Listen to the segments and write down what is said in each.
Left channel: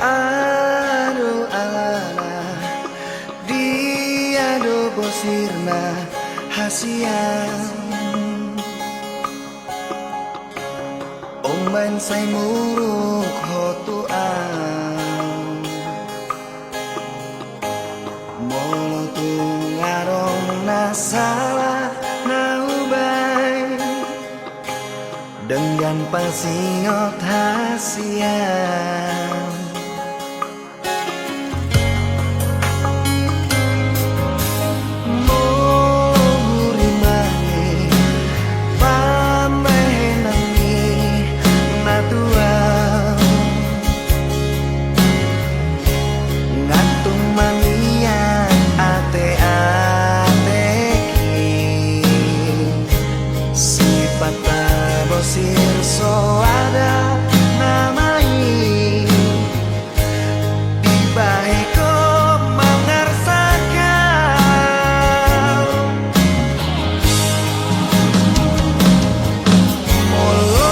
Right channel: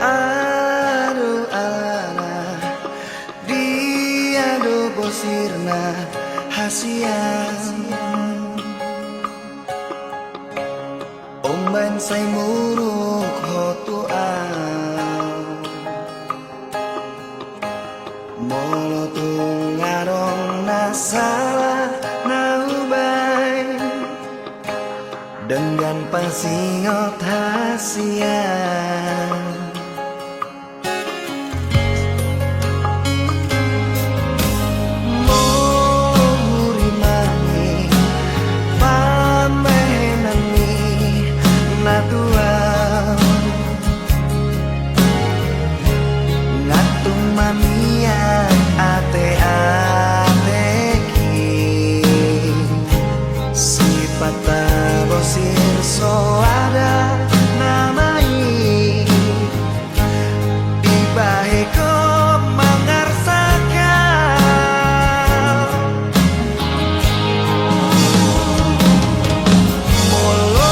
Aduh alana dia do bosirna hasian Omban say muruk hotu au Molo tungarong nasalah naubay Dengan pasingot hasian Ngatung maniak ate-ateki Sifat bosir so ada namai Dibaheko mengarsakan Molo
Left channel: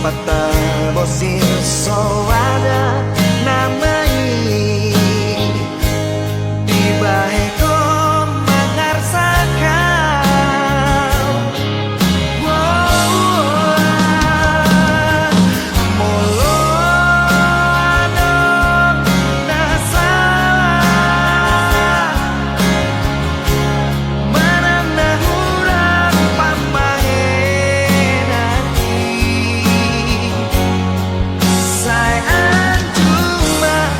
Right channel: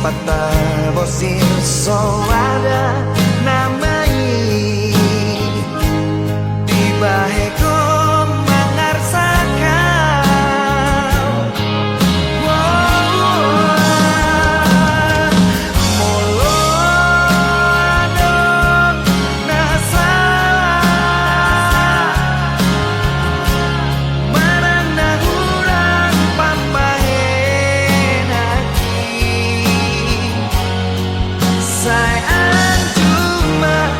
Pata bosir so ada namai Dibaheko mengarsakan Molo adong nasalah Manang nahurang pambahenaki Sayang cuma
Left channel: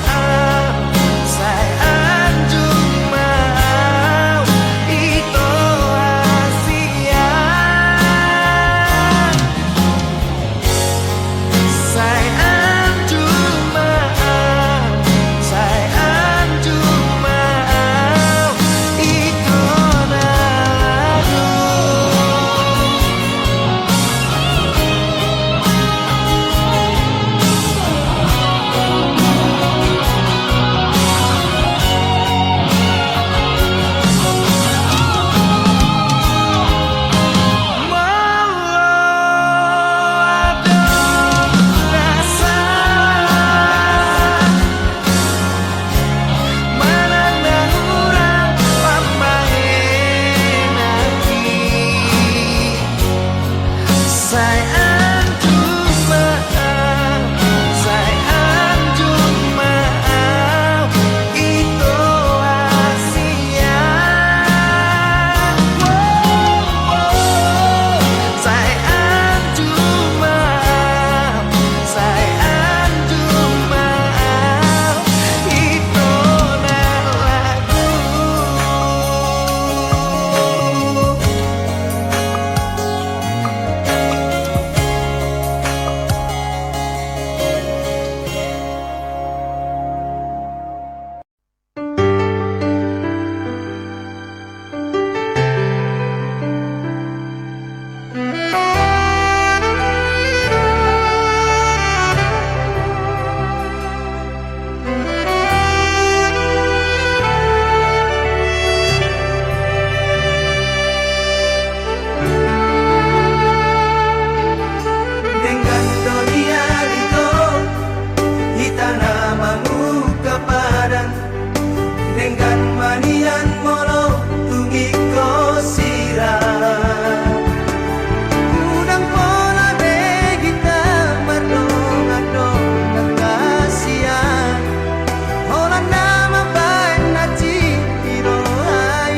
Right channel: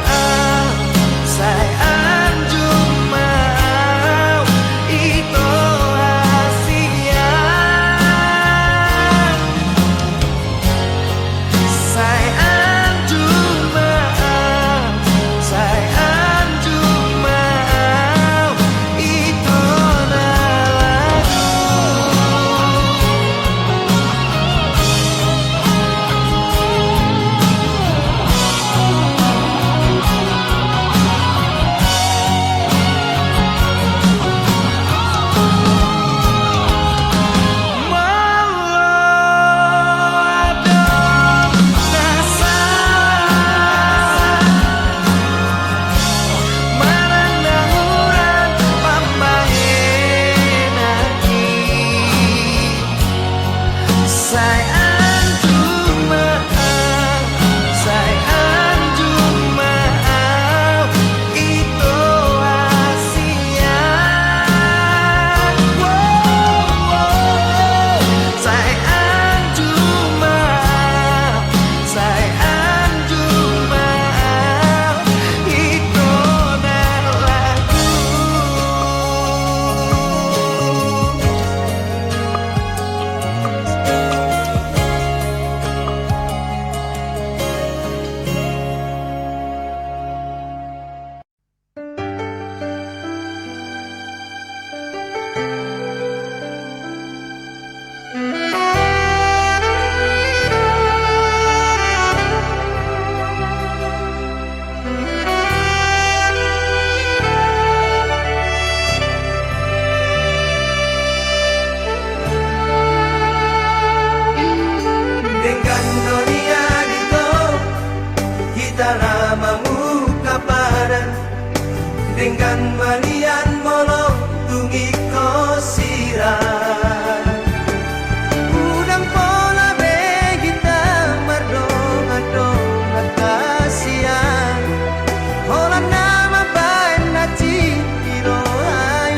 Bulan manian molo tungi ko sirah udang pola begita mardong adong nakasian hola nama baik na cintiro ai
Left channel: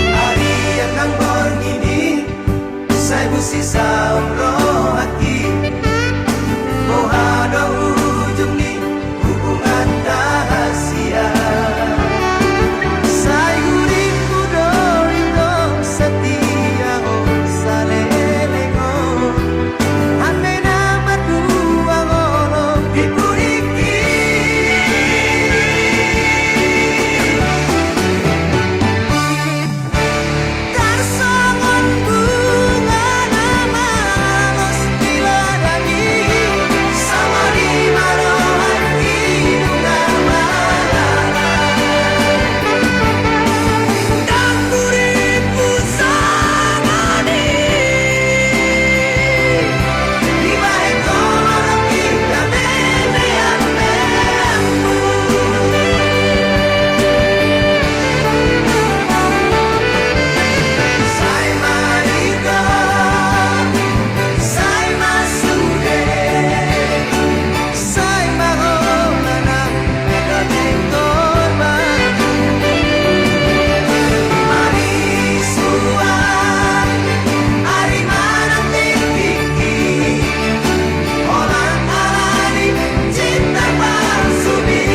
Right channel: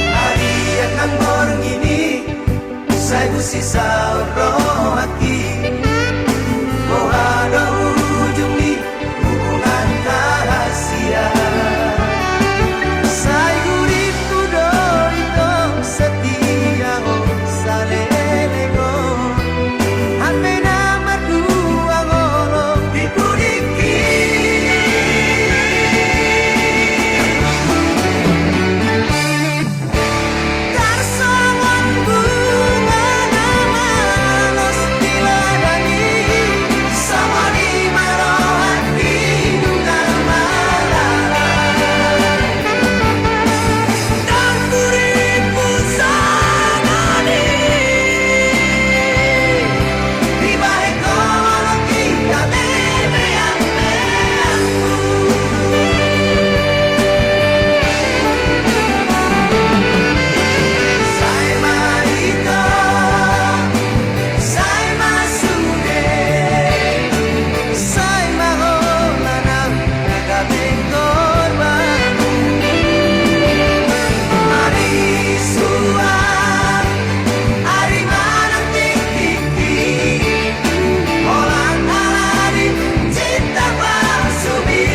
hari yang nang ini saya busi sauro hati oh ada ujung ni hubungan rahasia saya guriku doito setia oh salelengo hati nama dua ngolong dipuriki tarsongon bunga nama los diladani sama di marohan hidungan malam dan buriku samani di balik kolong kita memean Sai marito, sai masude, sai mahola ng nagabing korban. Marisuan, ari manang tiki, orang alani cinta palsumi.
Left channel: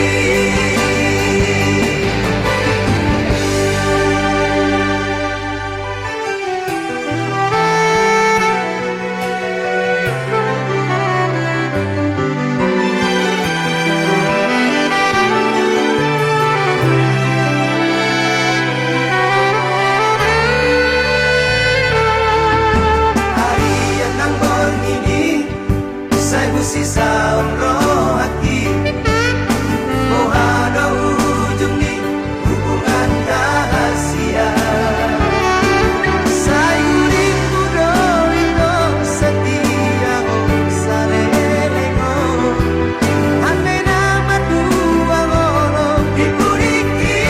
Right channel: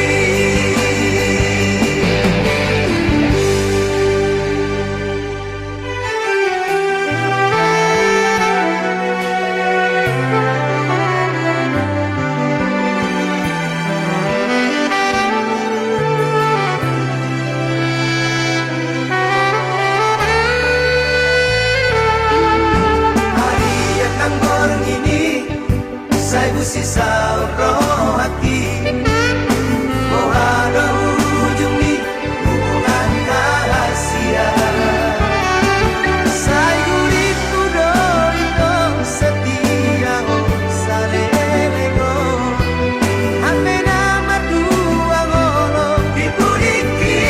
Hari yang nang ini saya busi sauro hati oh ada ujung ni hubungan rahasia saya guriku doito setia oh salelengo hati nama dua ngolong dipuriki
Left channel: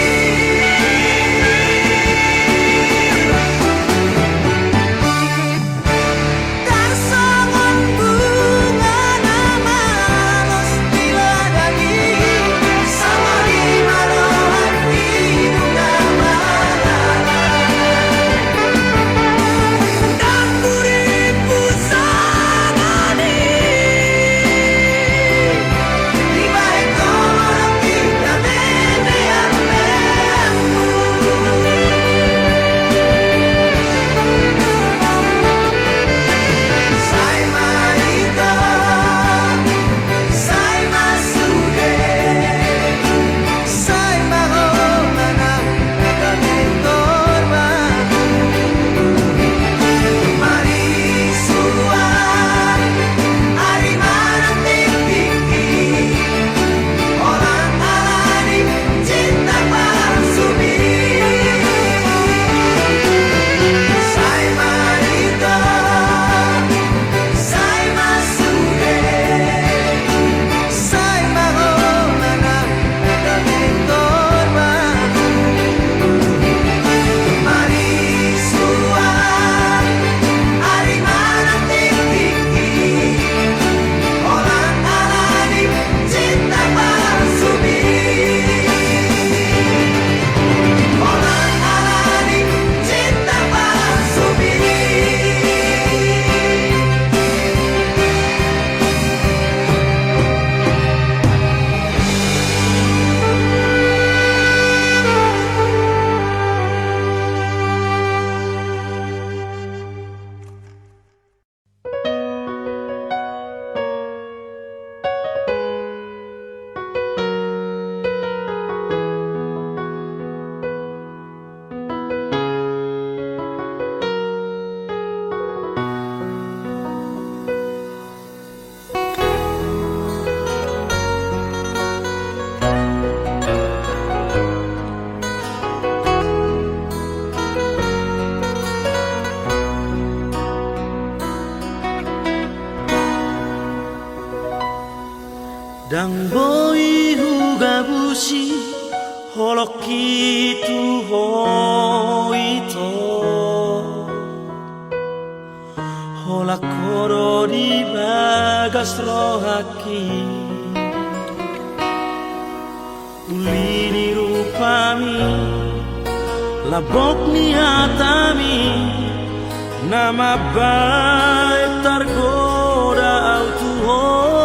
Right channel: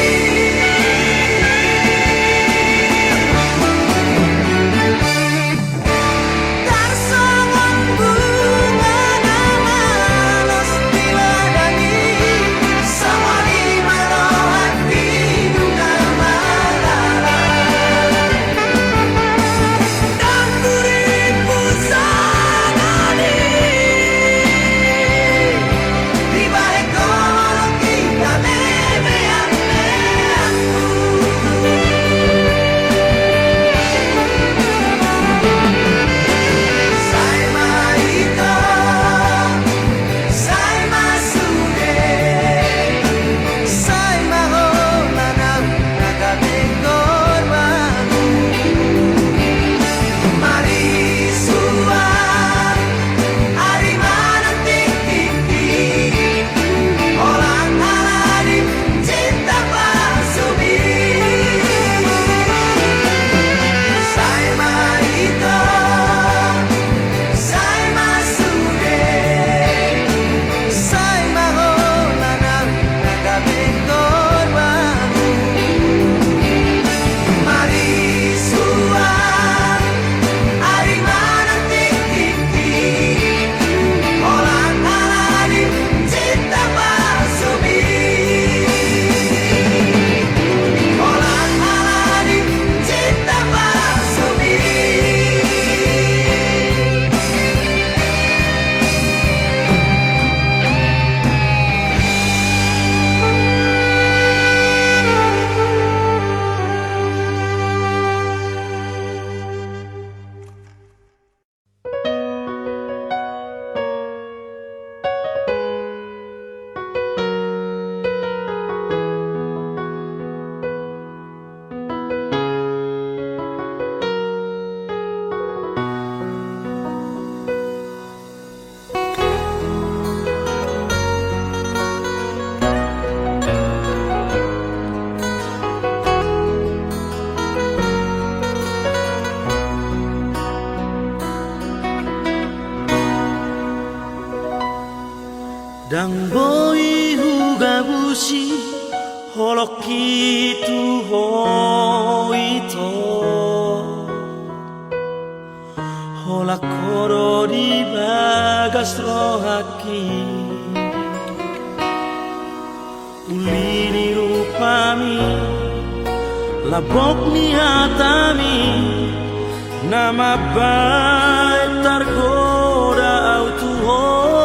tarsongon bunga nama los Dang boy huga bushi holoki tu hoito hola koro di bagas rohaki ulini rupami labok ni hatami nama baik tergoda autuho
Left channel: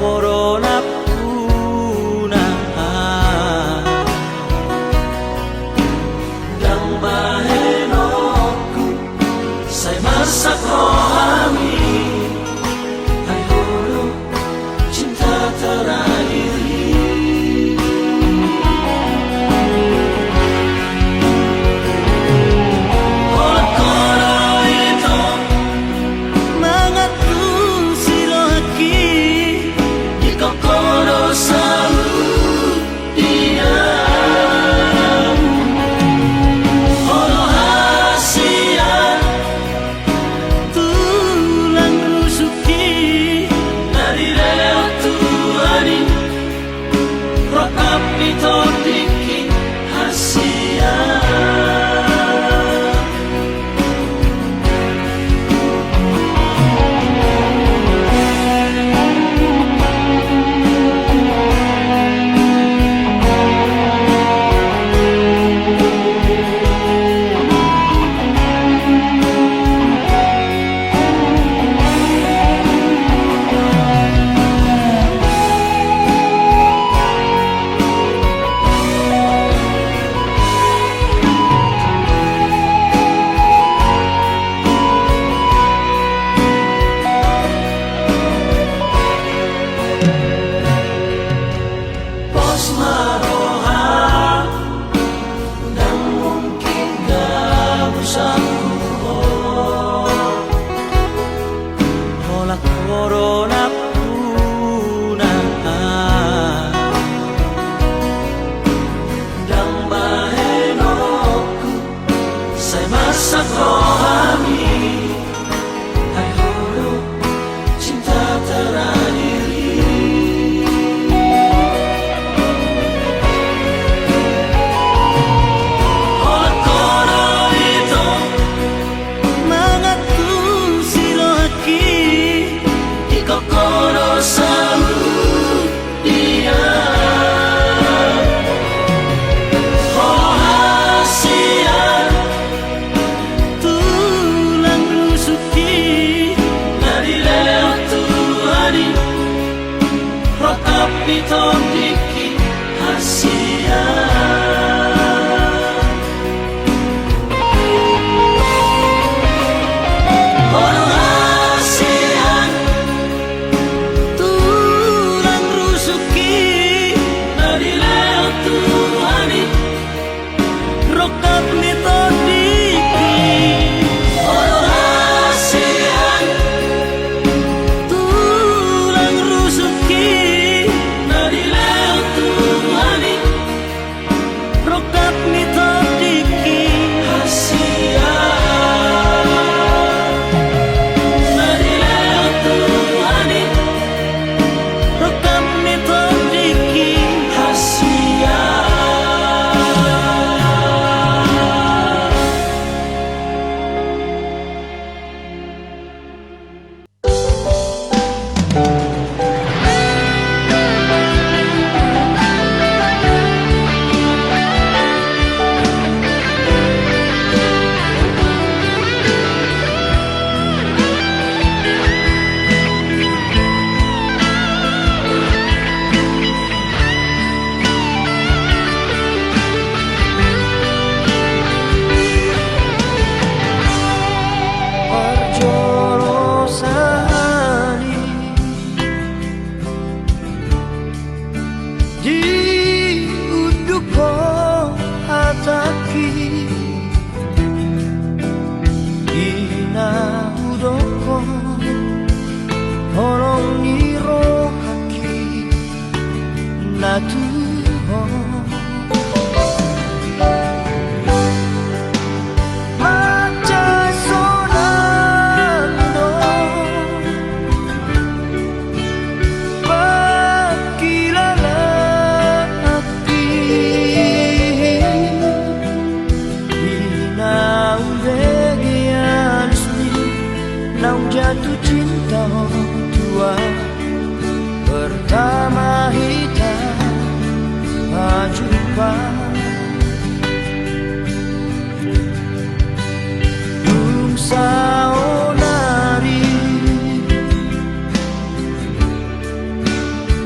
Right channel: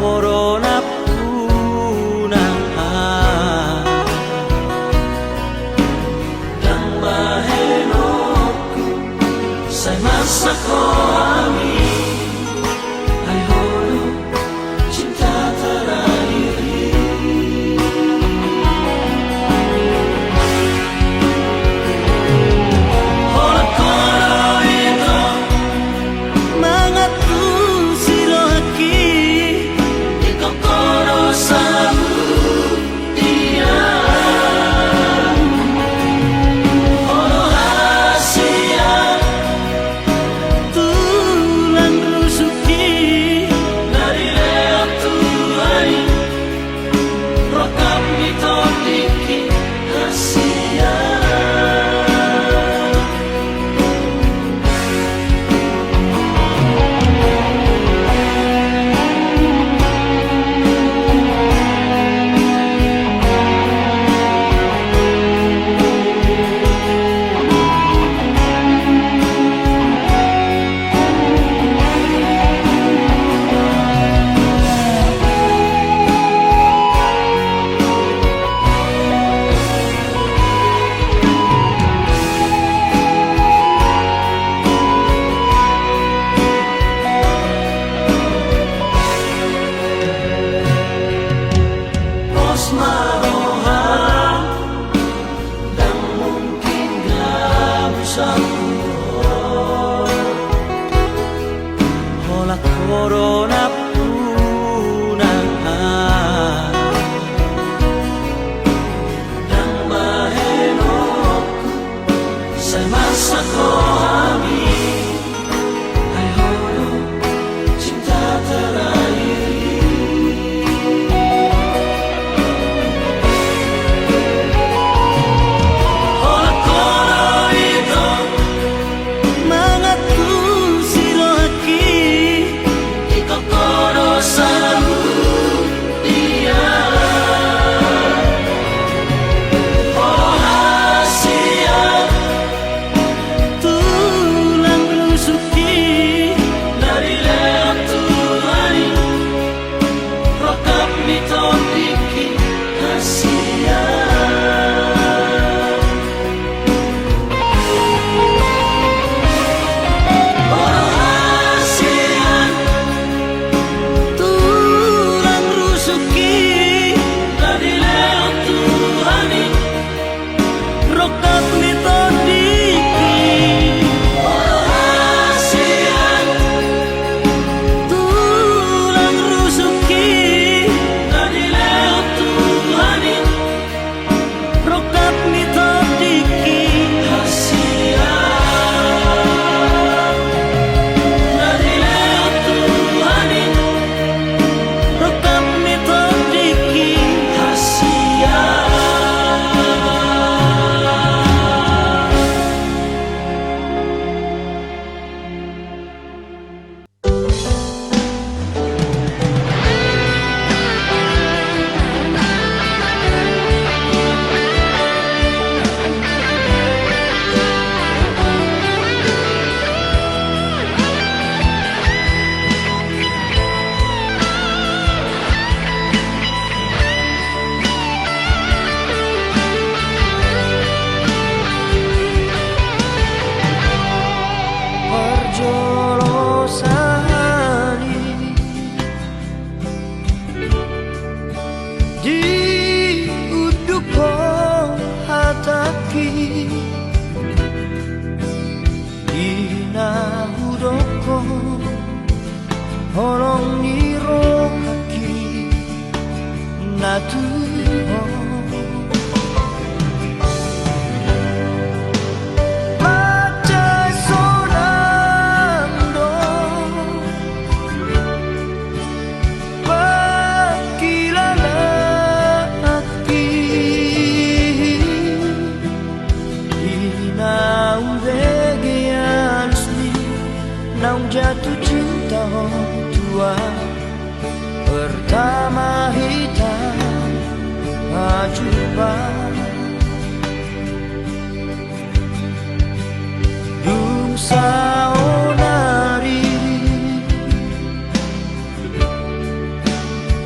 corona puna yang mahenoku sai masa kami hai holo cinta terakhir koro itu mengatu sirohaki corona puna yang mahenoku sai masa kami hai holo cinta terakhir oh koro itu mengatu sirohaki Holong niro Tuhan macai sonando pakilala api inaung vegian sni naung jatuh cinta tua pertama kita jumpa dung saonari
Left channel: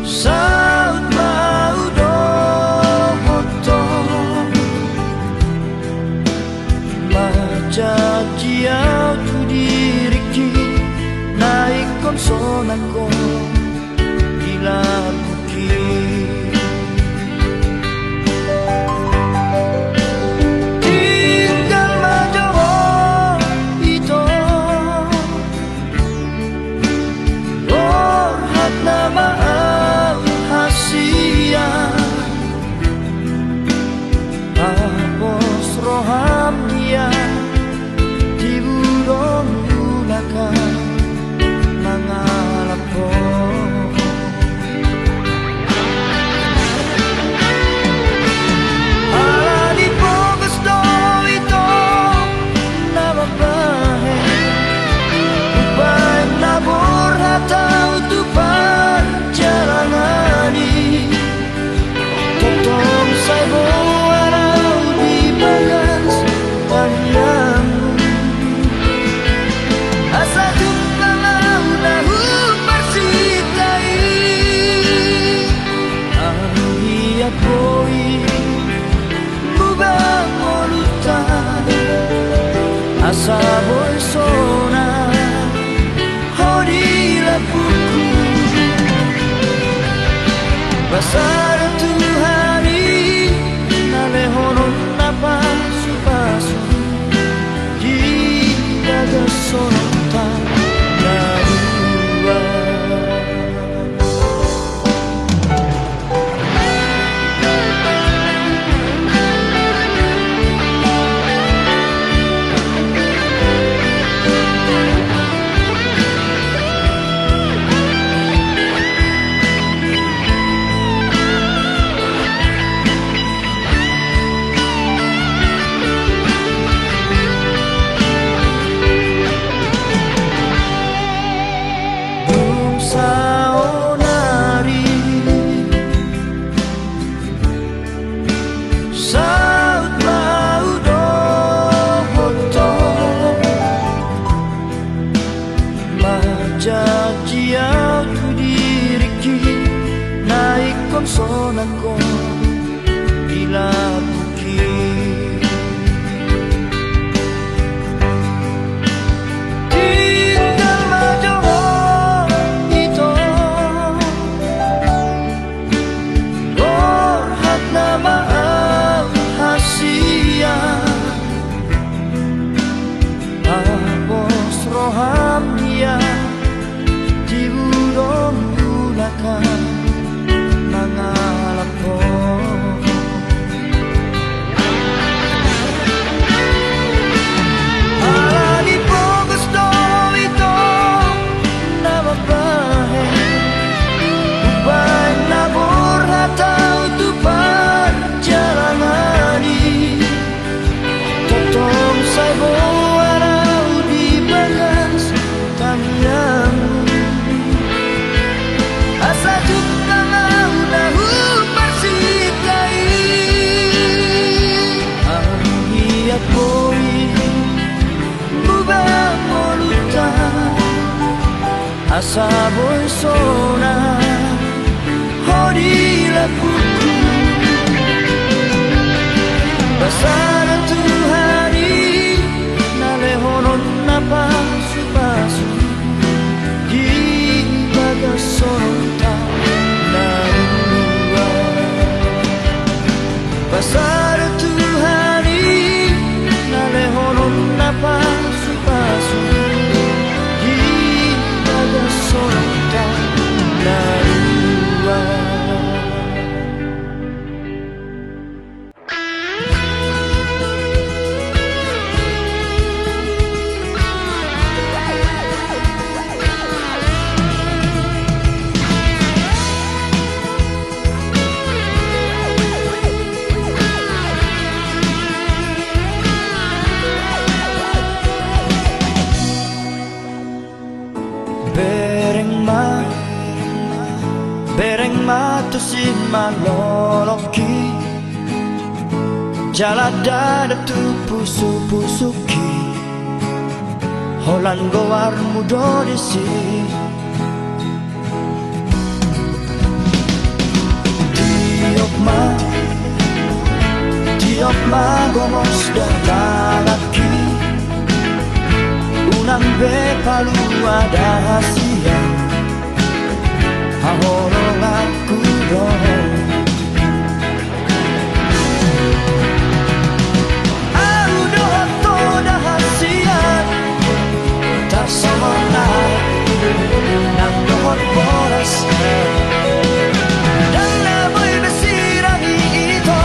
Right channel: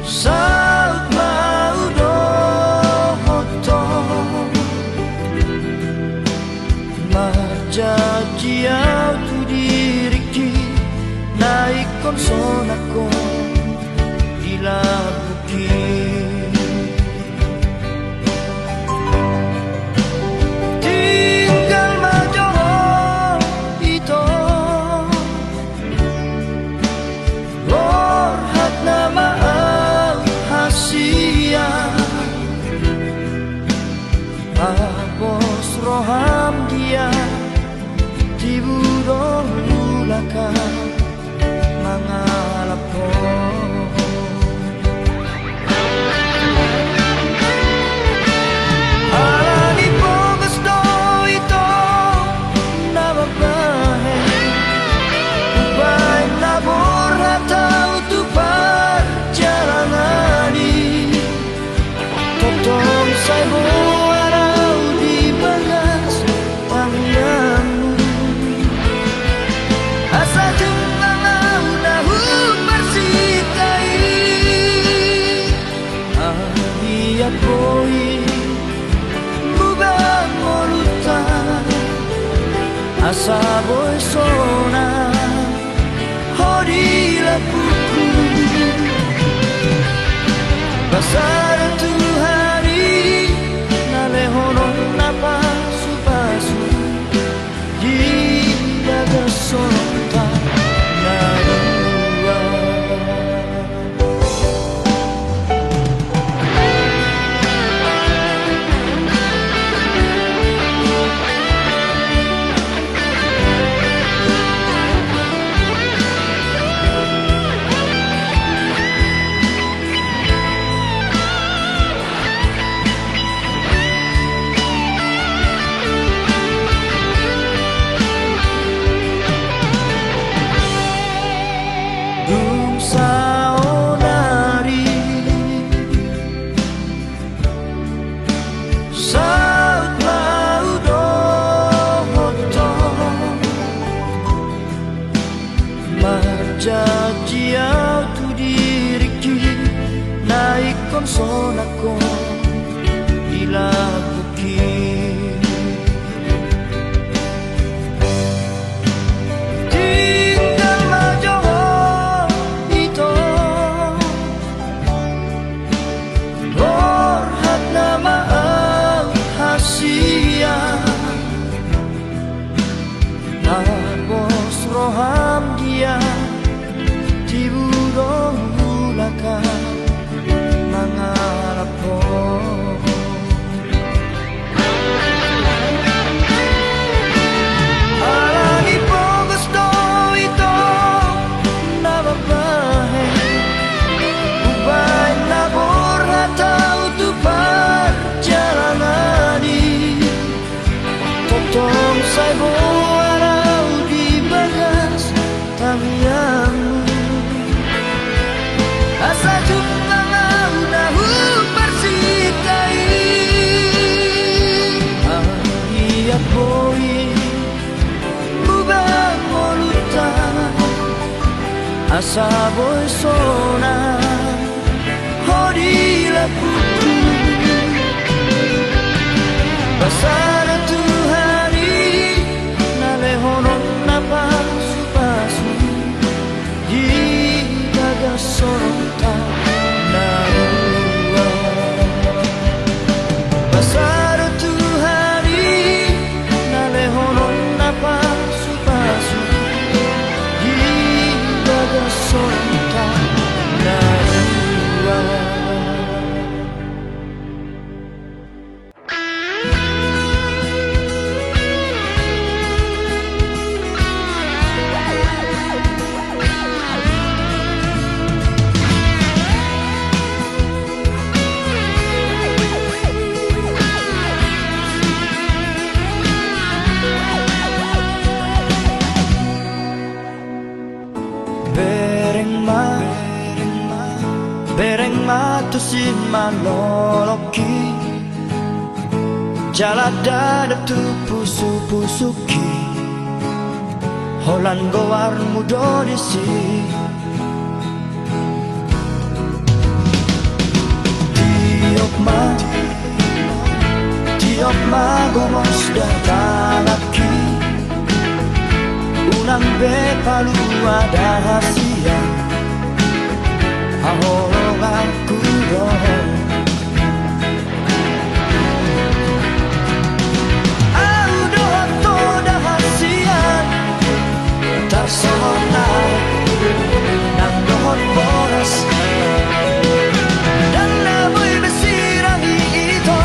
saut mau dohoto majajiau tu diriki naik konsonako dilabuki tinggal majoho itu orhat nama hasia apos roham dia tiburong ulaka mangalapo tahu tu perjalanani totong saya warau di bagas tangianmu asa jumpa mau nahu persitai anggiat boi mubang molutan asa boi sona hodilah buku pasar tu hari nalehonon napa supasu di daga sonta narua saonari saut mau dohoto majajiau tu diriki naik konsonako dilabuki apos roham dia tiburong ulaka mangalapo alani pogos do ito nababahe ubay nabor hatau tu perjalanani totong saibo asa jumpa mau nahu persitai anggiat boi mubang molutan asa boi sona hodilah buku pasar tu hari nalehonon napa supasu di bagas sonta narua pasar tu hari nalehonon napa supasu di bagas sonta narua Bereng matusi maloloki Jala dada tu pusu-pusuki Holan gowar mudo disi Tiok ma gomos datalaki Unang be palu ada hasia Hahorong aku dong Aku doa toda hasian Tak semonai Nang dohot boras Dan naboy besirangi ito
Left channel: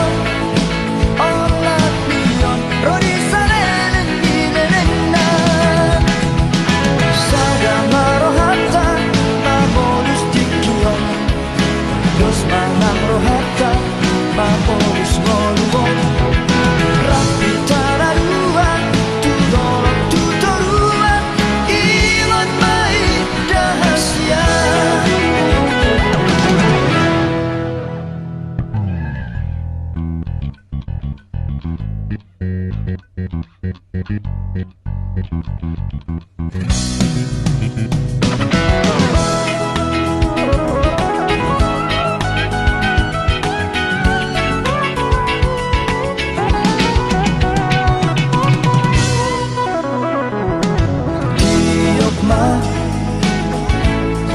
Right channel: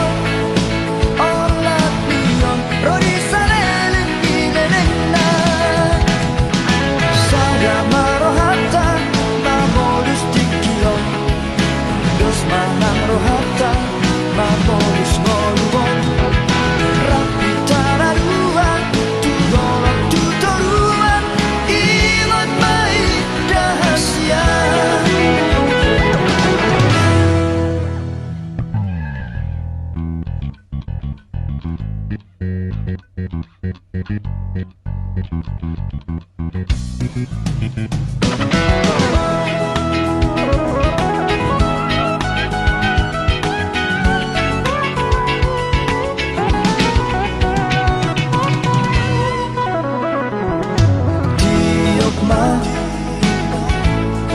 Olat niyon Rodi salelen ninenena Sada marohata Mamolus dikiyon Dos manang rohata Mamolus ngoluon Rapi tararuan Tudolok tutoruan Ilot mai dahasia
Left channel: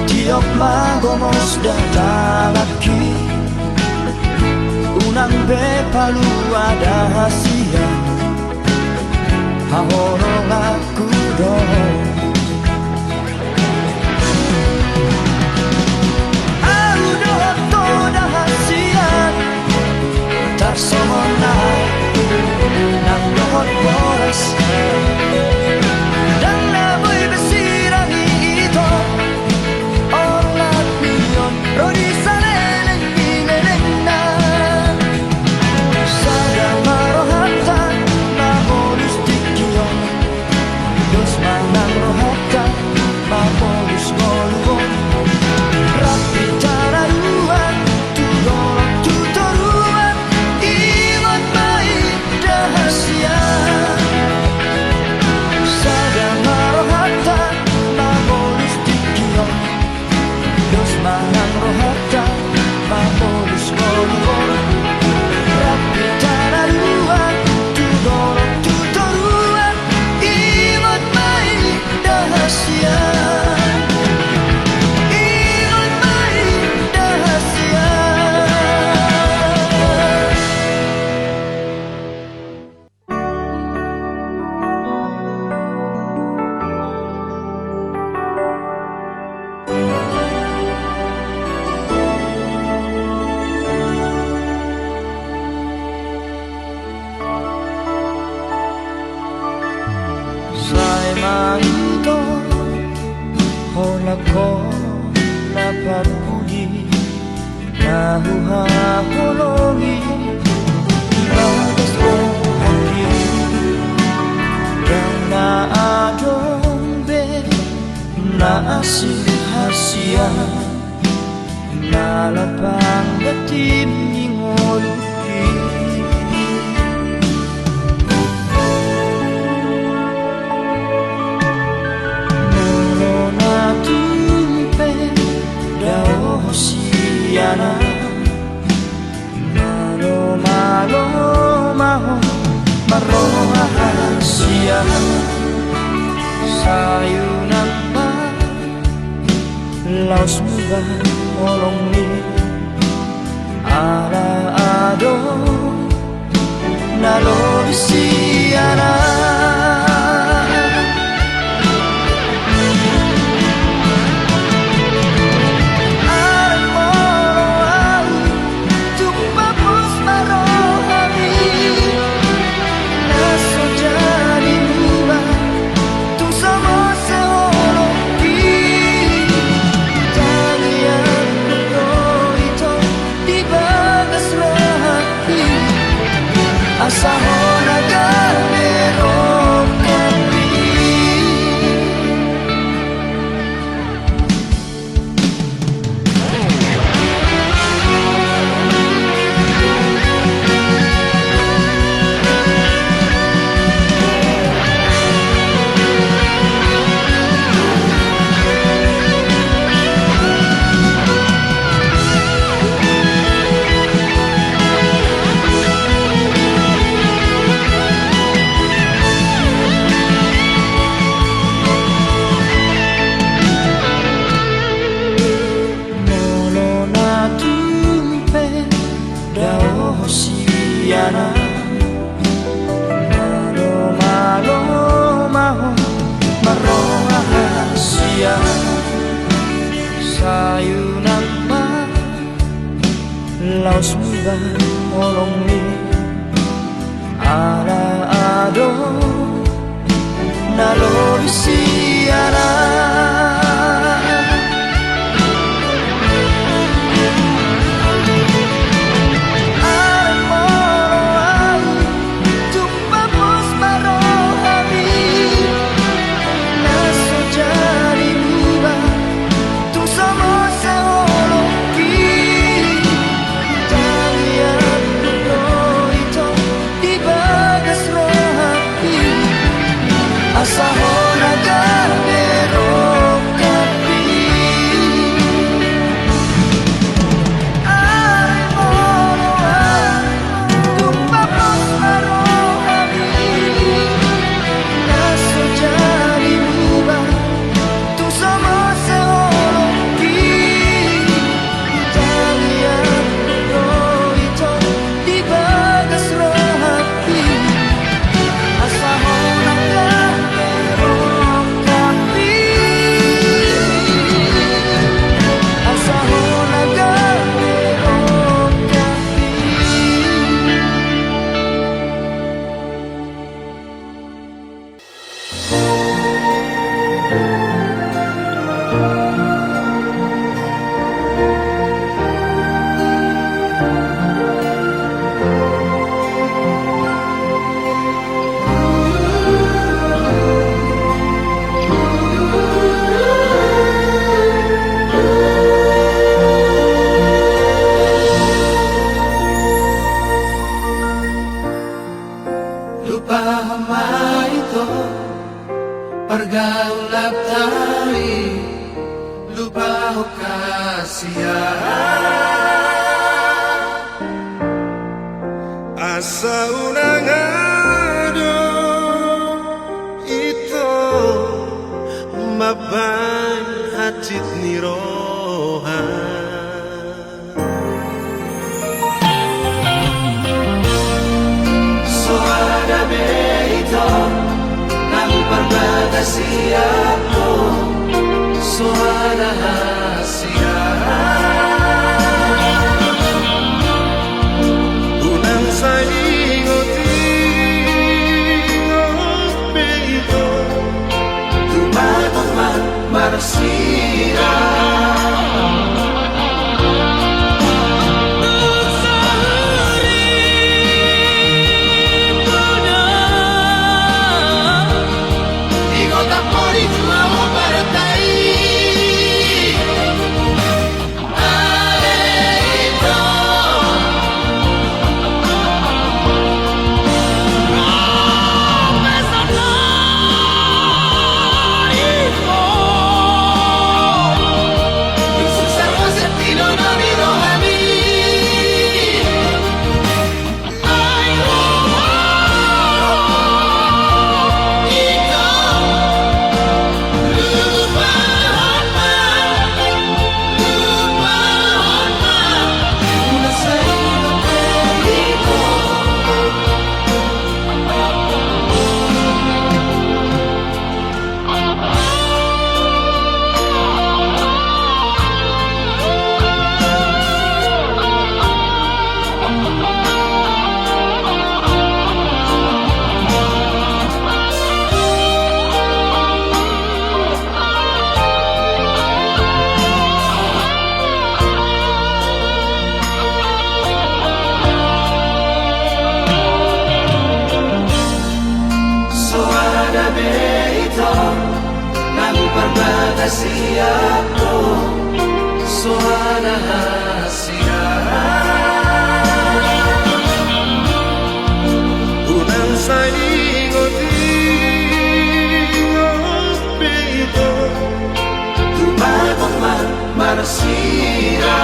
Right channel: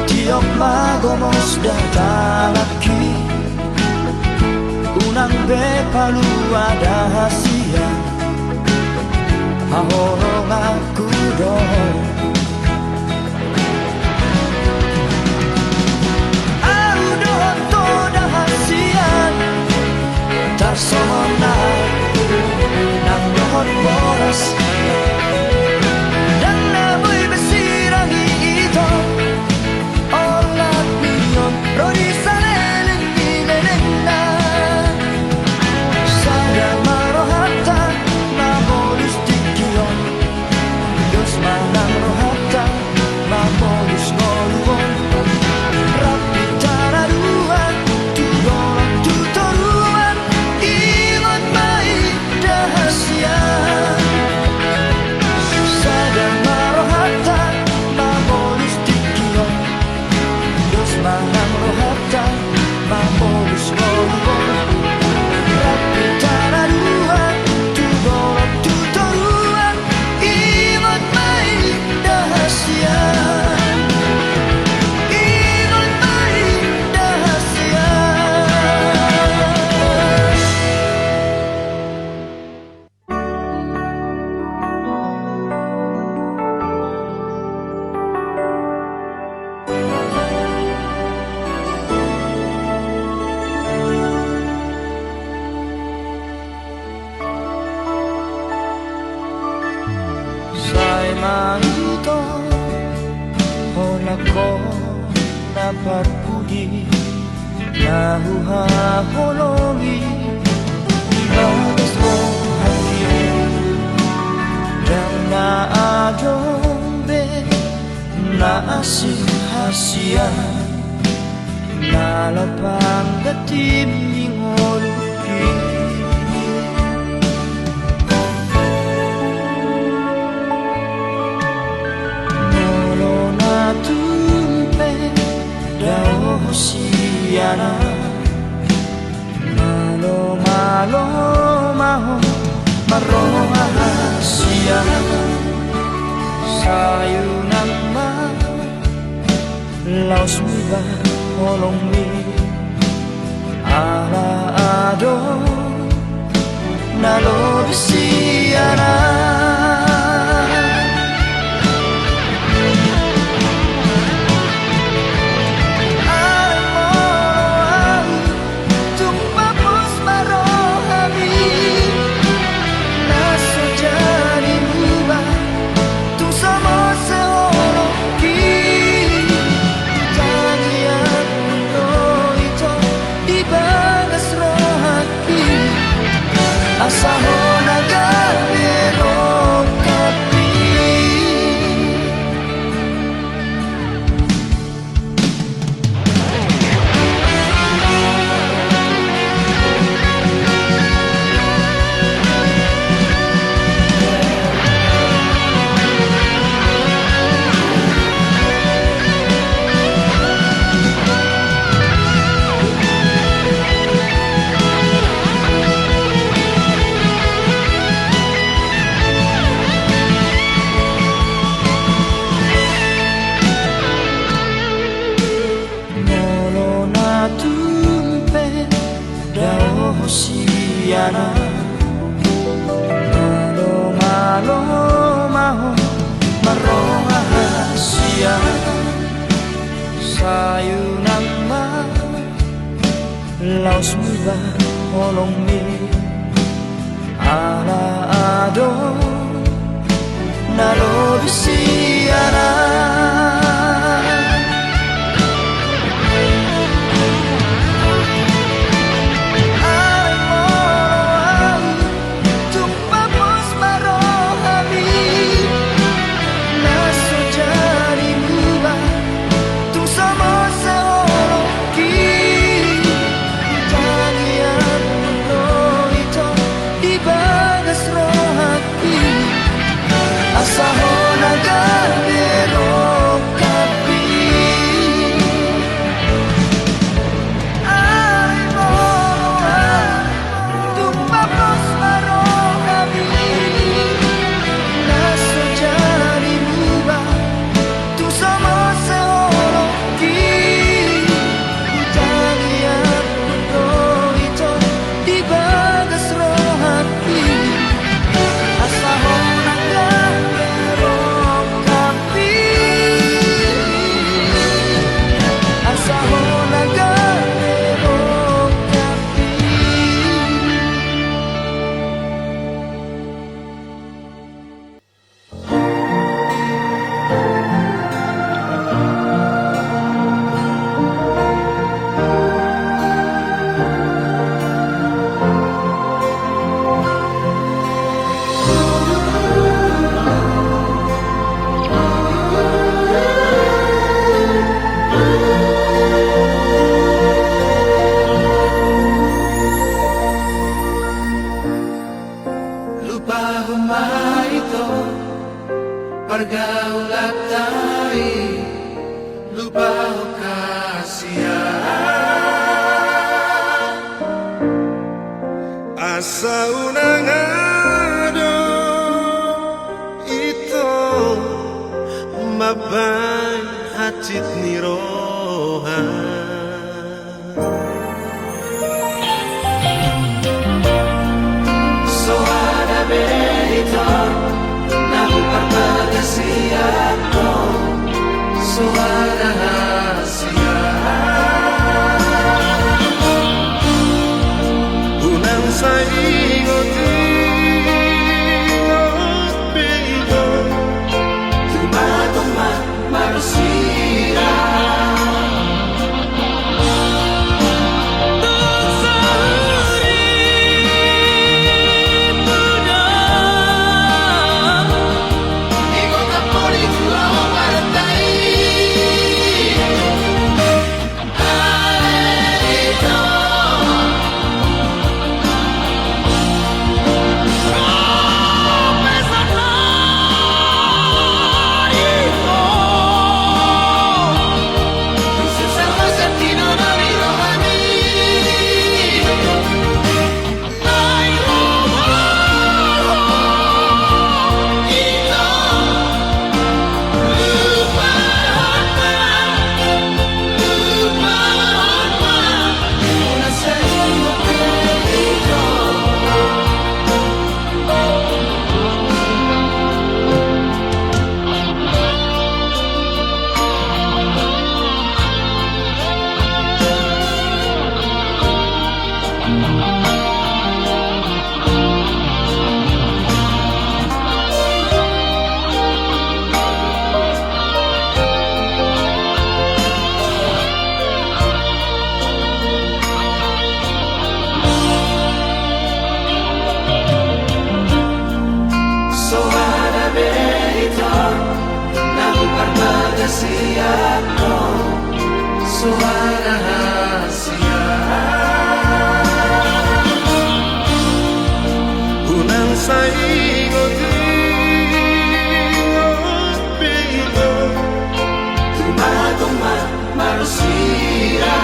Tiok ma gomos datalaki Unang be palu ada hasia Hahorong aku dong Aku doa toda hasian Tak semonai Nang dohot boras Dan naboy besirangi ito Olat niyon Rodi salelen ninenena Sada marohata Mamolus dikiyon Dos manang rohata Mamolus ngoluon Rapi tararuan Tudolok tutoruan Ilot mai dahasia Sada marohata Mamolus dikiyon Dos manang rohata Mamolus ngoluon Rapi tararuan Tudolok tutoruan Ilot mai dahasia Ilot mai dahasia Sai mahito Hola ko napagpudi Nahuhaholongi Ibagas mo hakim Yang naadong naasin hasian Nalapang datim ningoluki Dao hosiana Malo malo maho Maroha hasia Sayunan ma Laos muba holong mi Ala ado Nalo bisiana Asa ho nagamero Hosiana Malo maho marohasia sayunang ma laos muba holong mi ala ado nalobisiana Asahona gabero kapi ay moloa tumpapos marohami naso jadi luba tu sama seoloki taliat puto ito di bagas rohati asahona Pergaulan tari lupa kasihan asa unang ado ito maban hacit nirohan so ada berita Siato suara rahasia unang saingoti ngopi ito tumatama marusia Siato suara rahasia unang saingoti ngopi ito tumatama marusia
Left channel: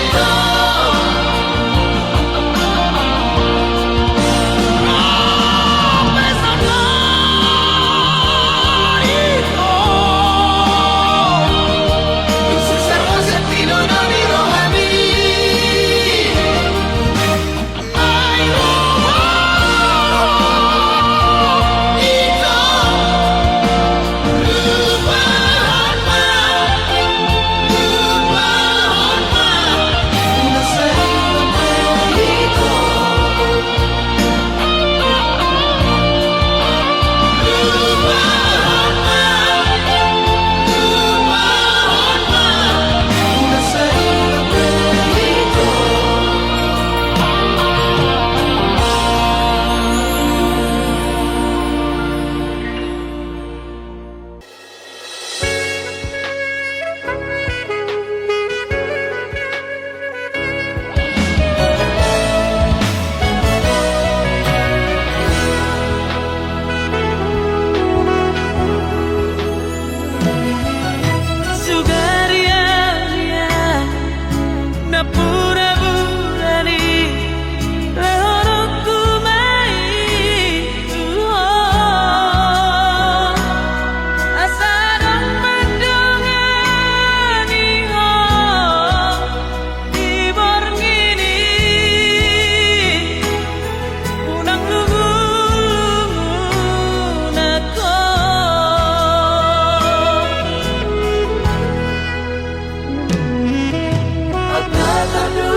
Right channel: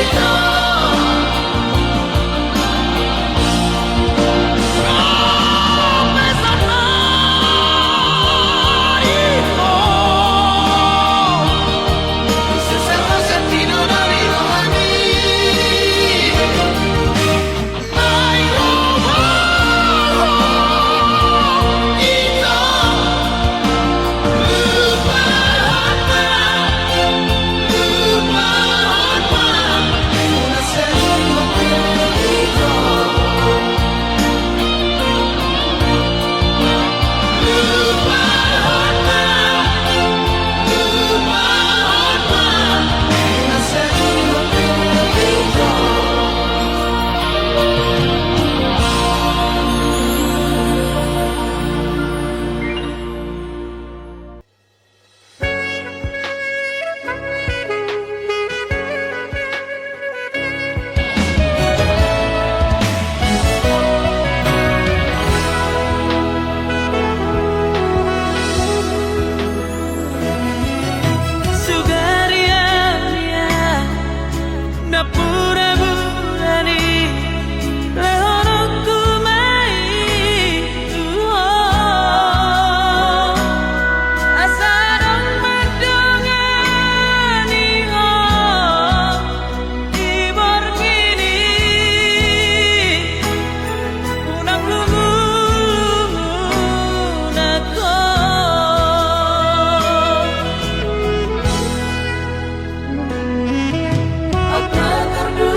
Ito pura-purani lehonoku mai asa dong madongani ibor ngini unang lungu nako aku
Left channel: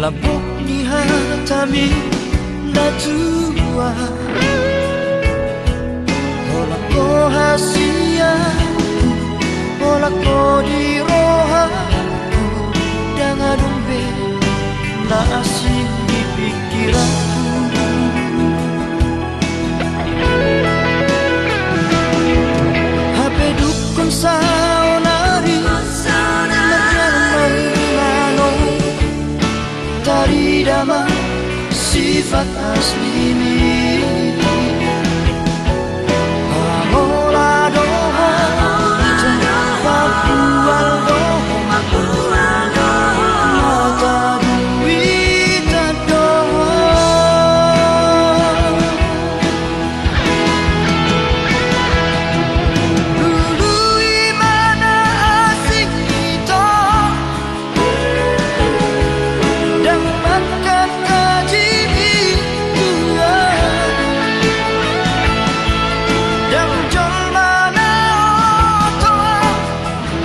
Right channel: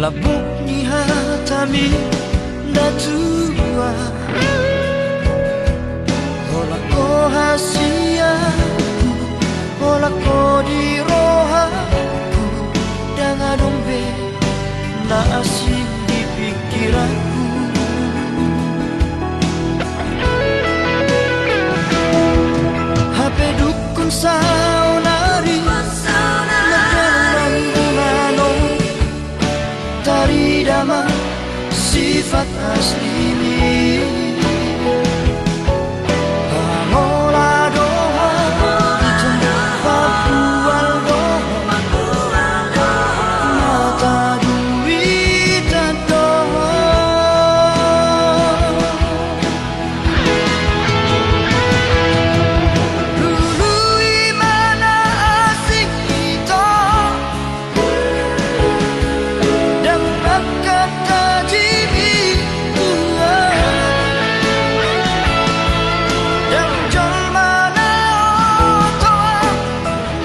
labok ni hatami datua Ola ko hasiaku Ola ko di rohaku Dengan dombe na asing di pikiranku HP dukun saunari Merjalan manong Tari dama sifat asli ini Pangola doha Itu papual doha Mata duit doha Dulu imana asing kita Dan makan tajimi tua Dan jol mana otoa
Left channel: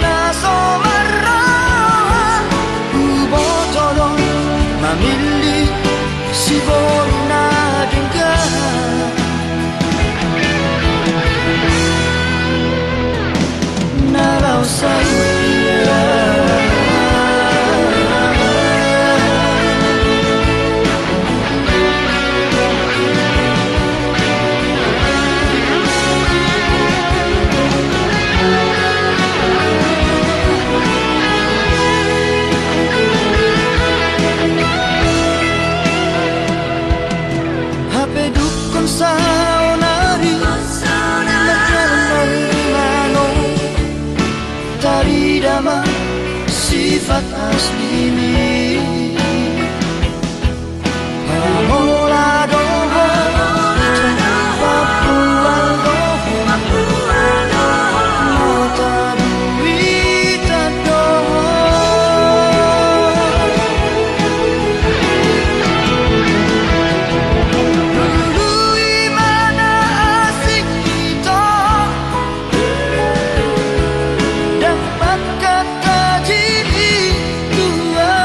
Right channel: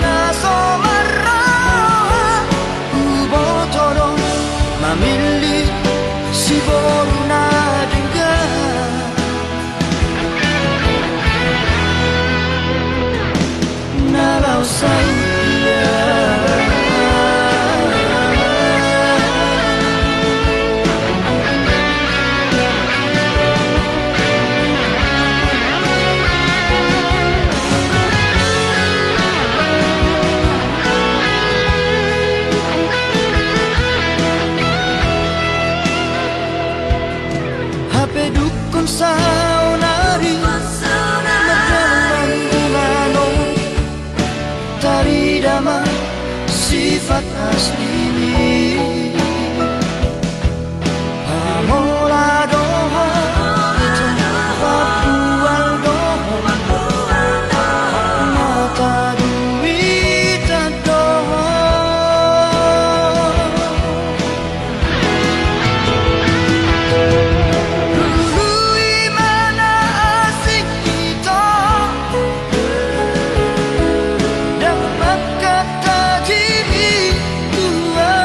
Naso marah Ubotodon Mamili si boru na dengar Nalau saya HP dukun saunari Merjalan manong Tari dama sifat asli ini Pamola doho Itu papual doho Mata duit doho Dulu imana asing kita Dan makan tajimi tua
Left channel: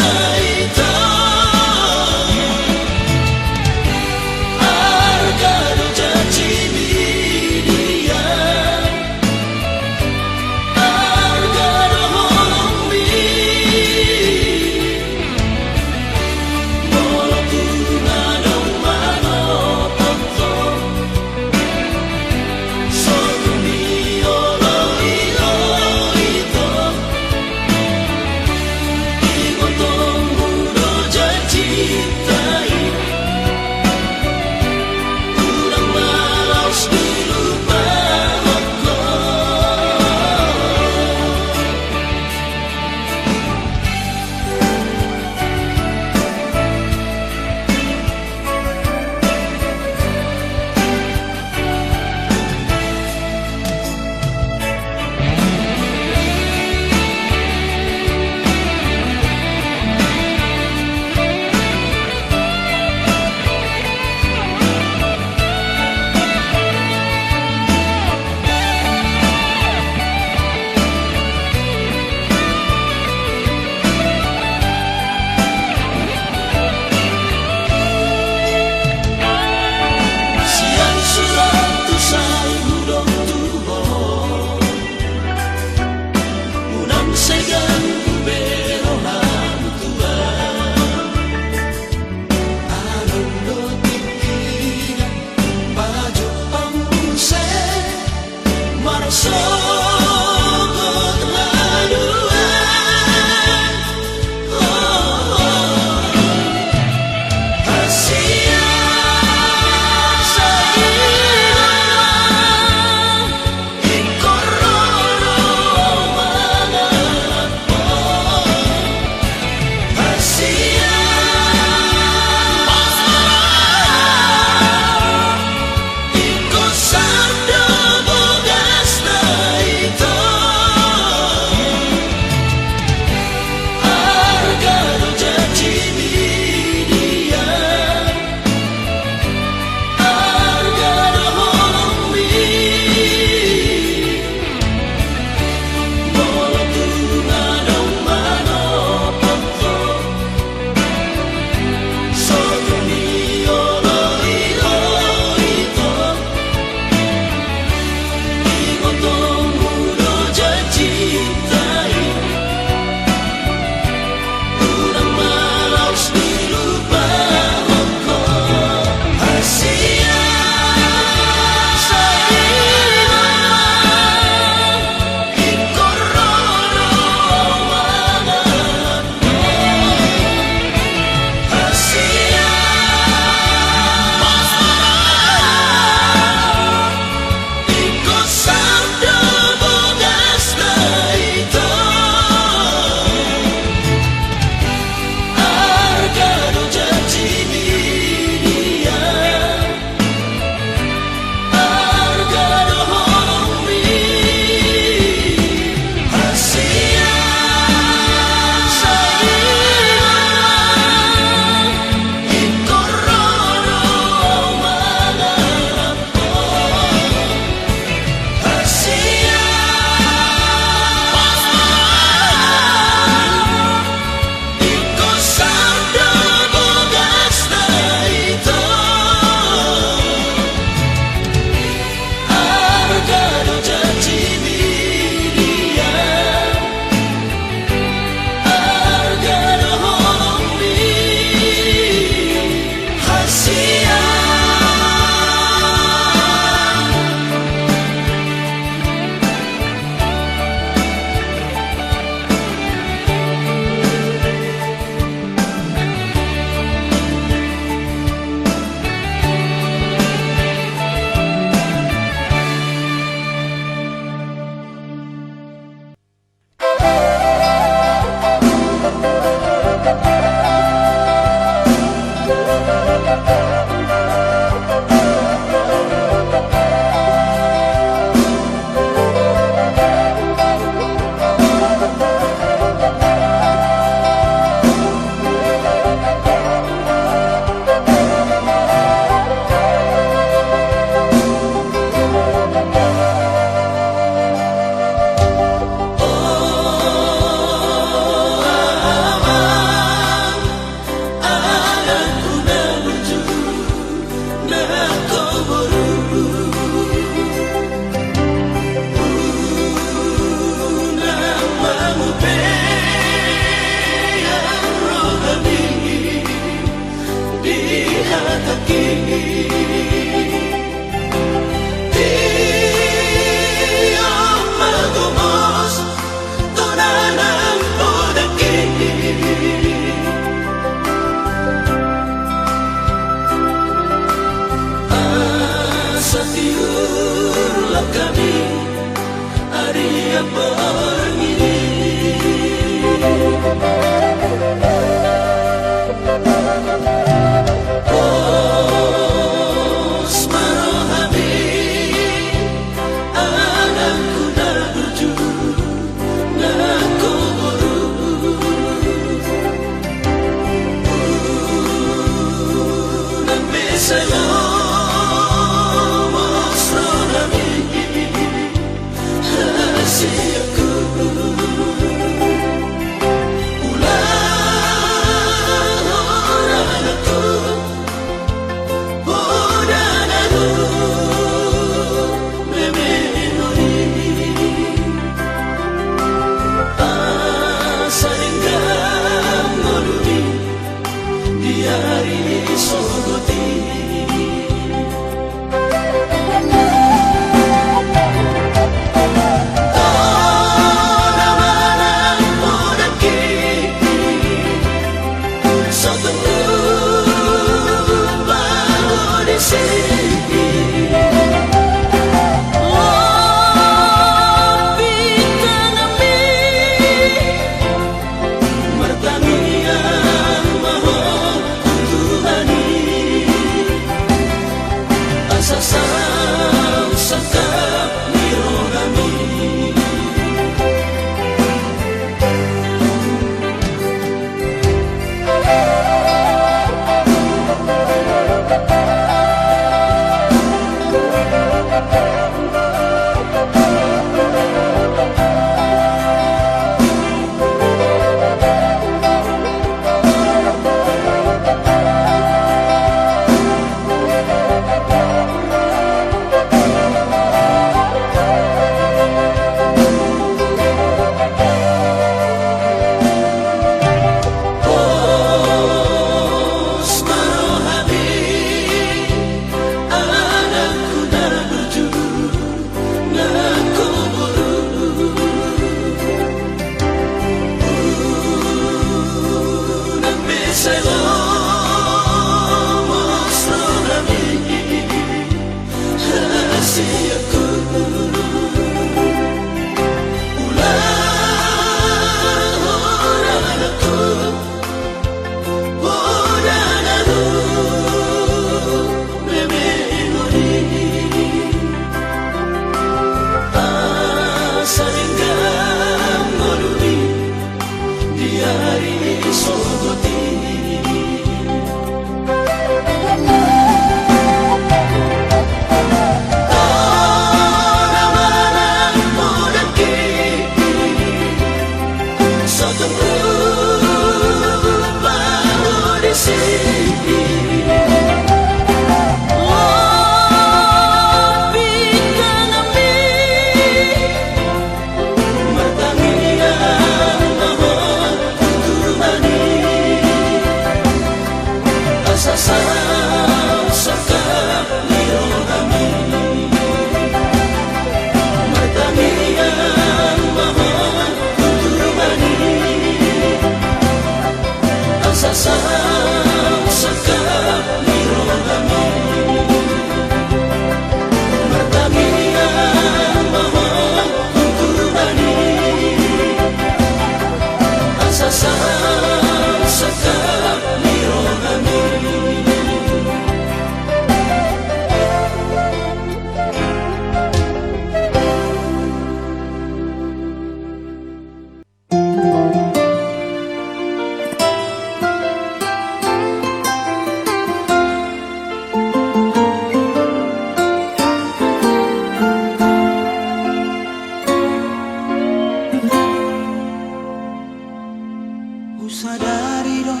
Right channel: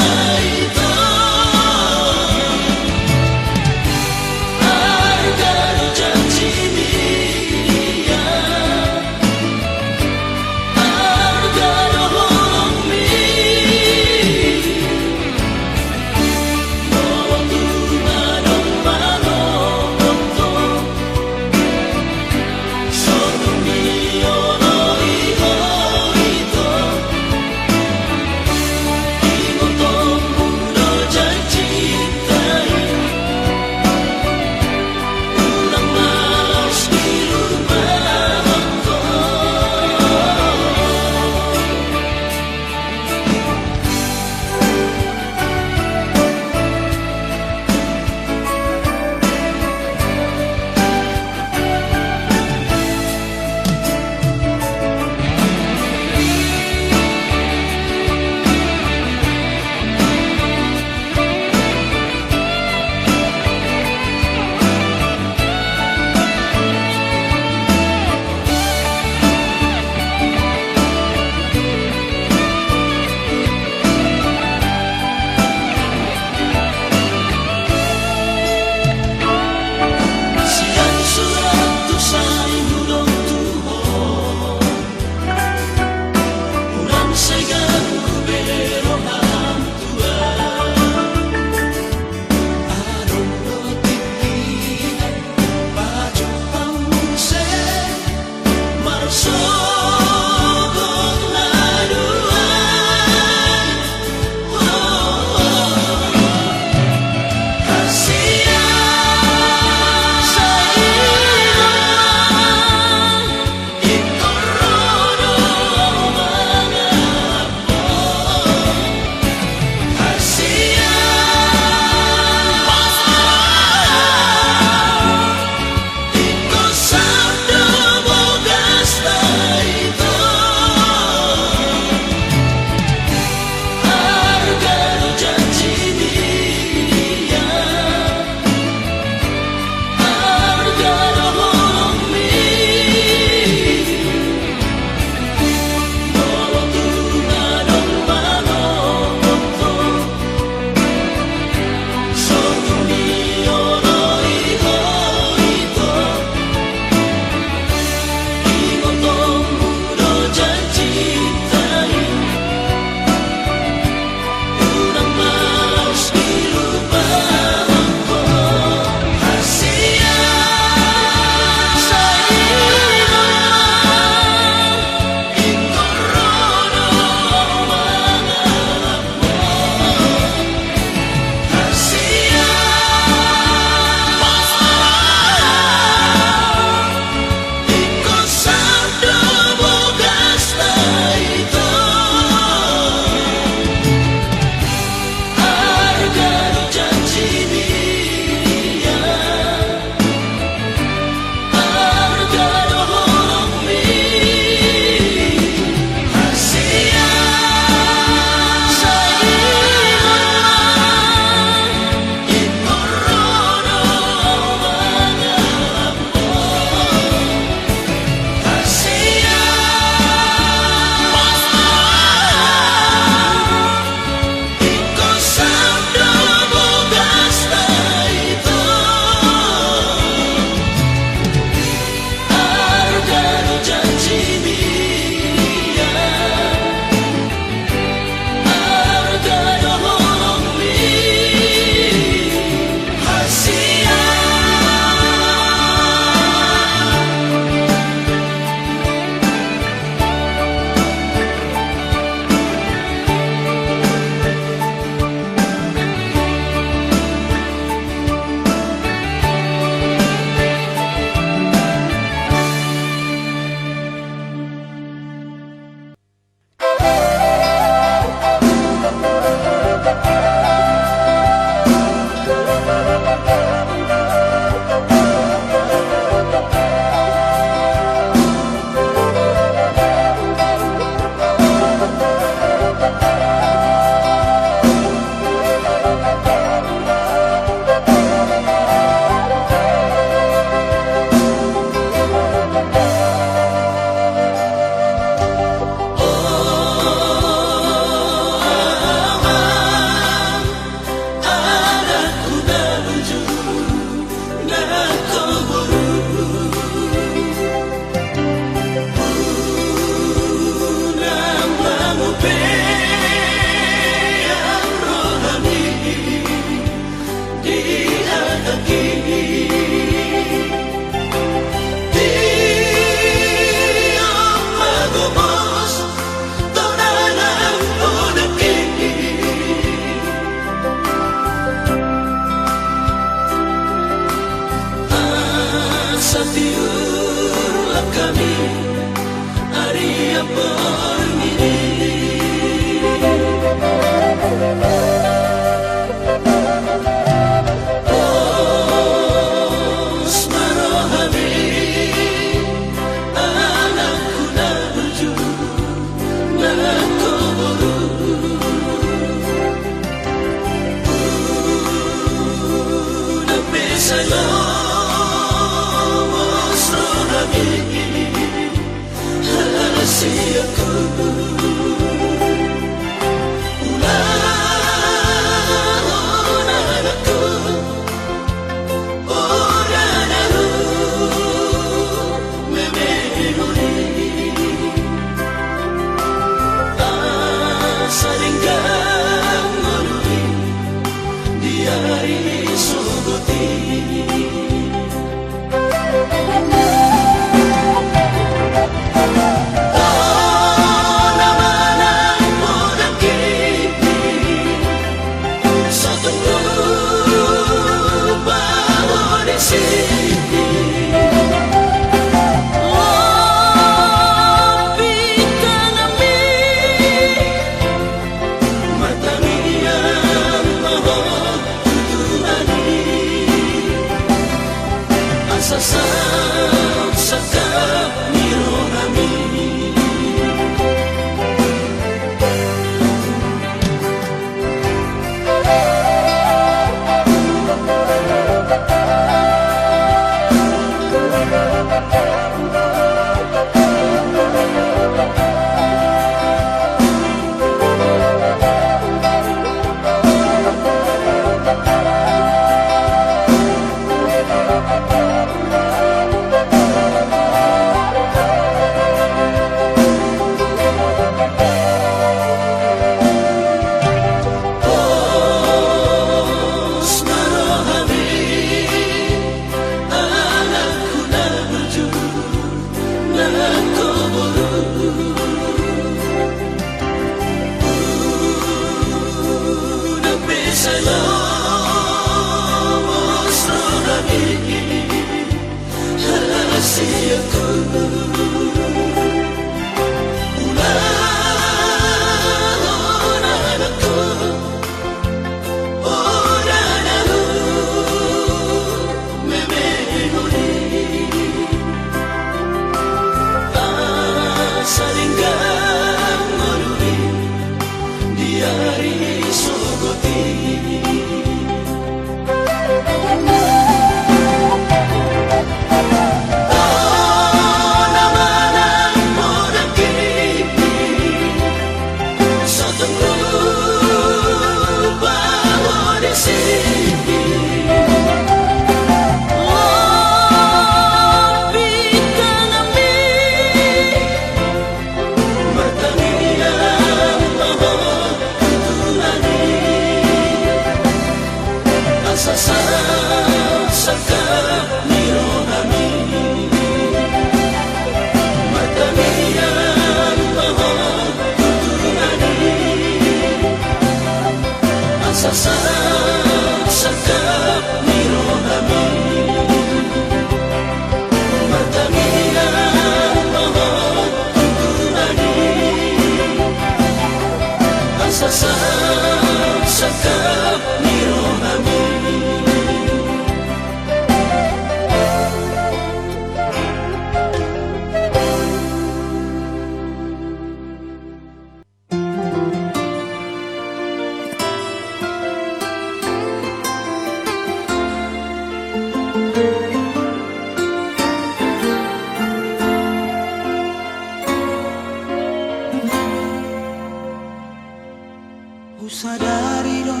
Sadari dong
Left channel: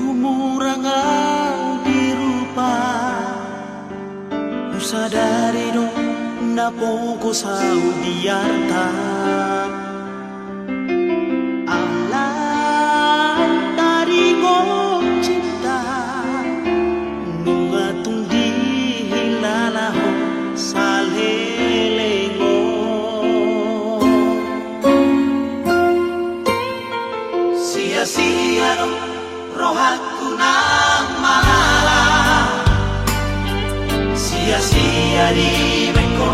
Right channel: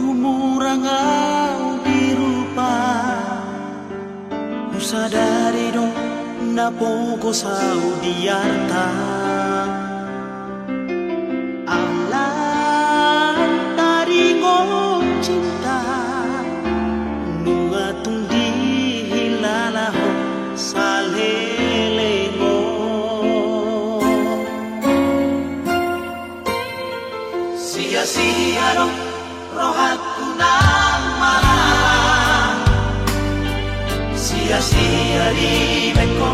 humurangau dirupa, sadari dong napogo sau diarta. Alam tari ko cinta nunga tung dihilalaho sa lelengo. Sia-sia dong rohaku nang malam, sia-sia di beko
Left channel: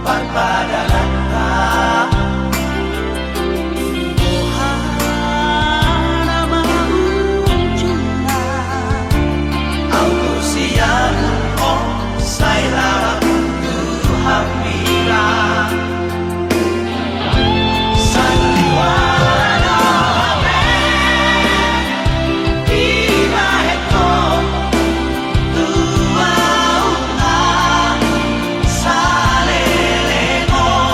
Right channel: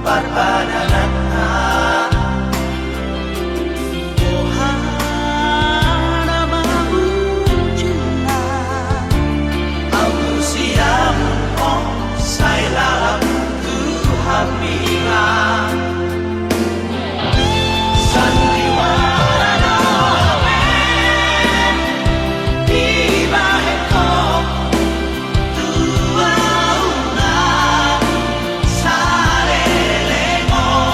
parpadanata. Ohana maujuna au siamu oh sairara tu hamila oh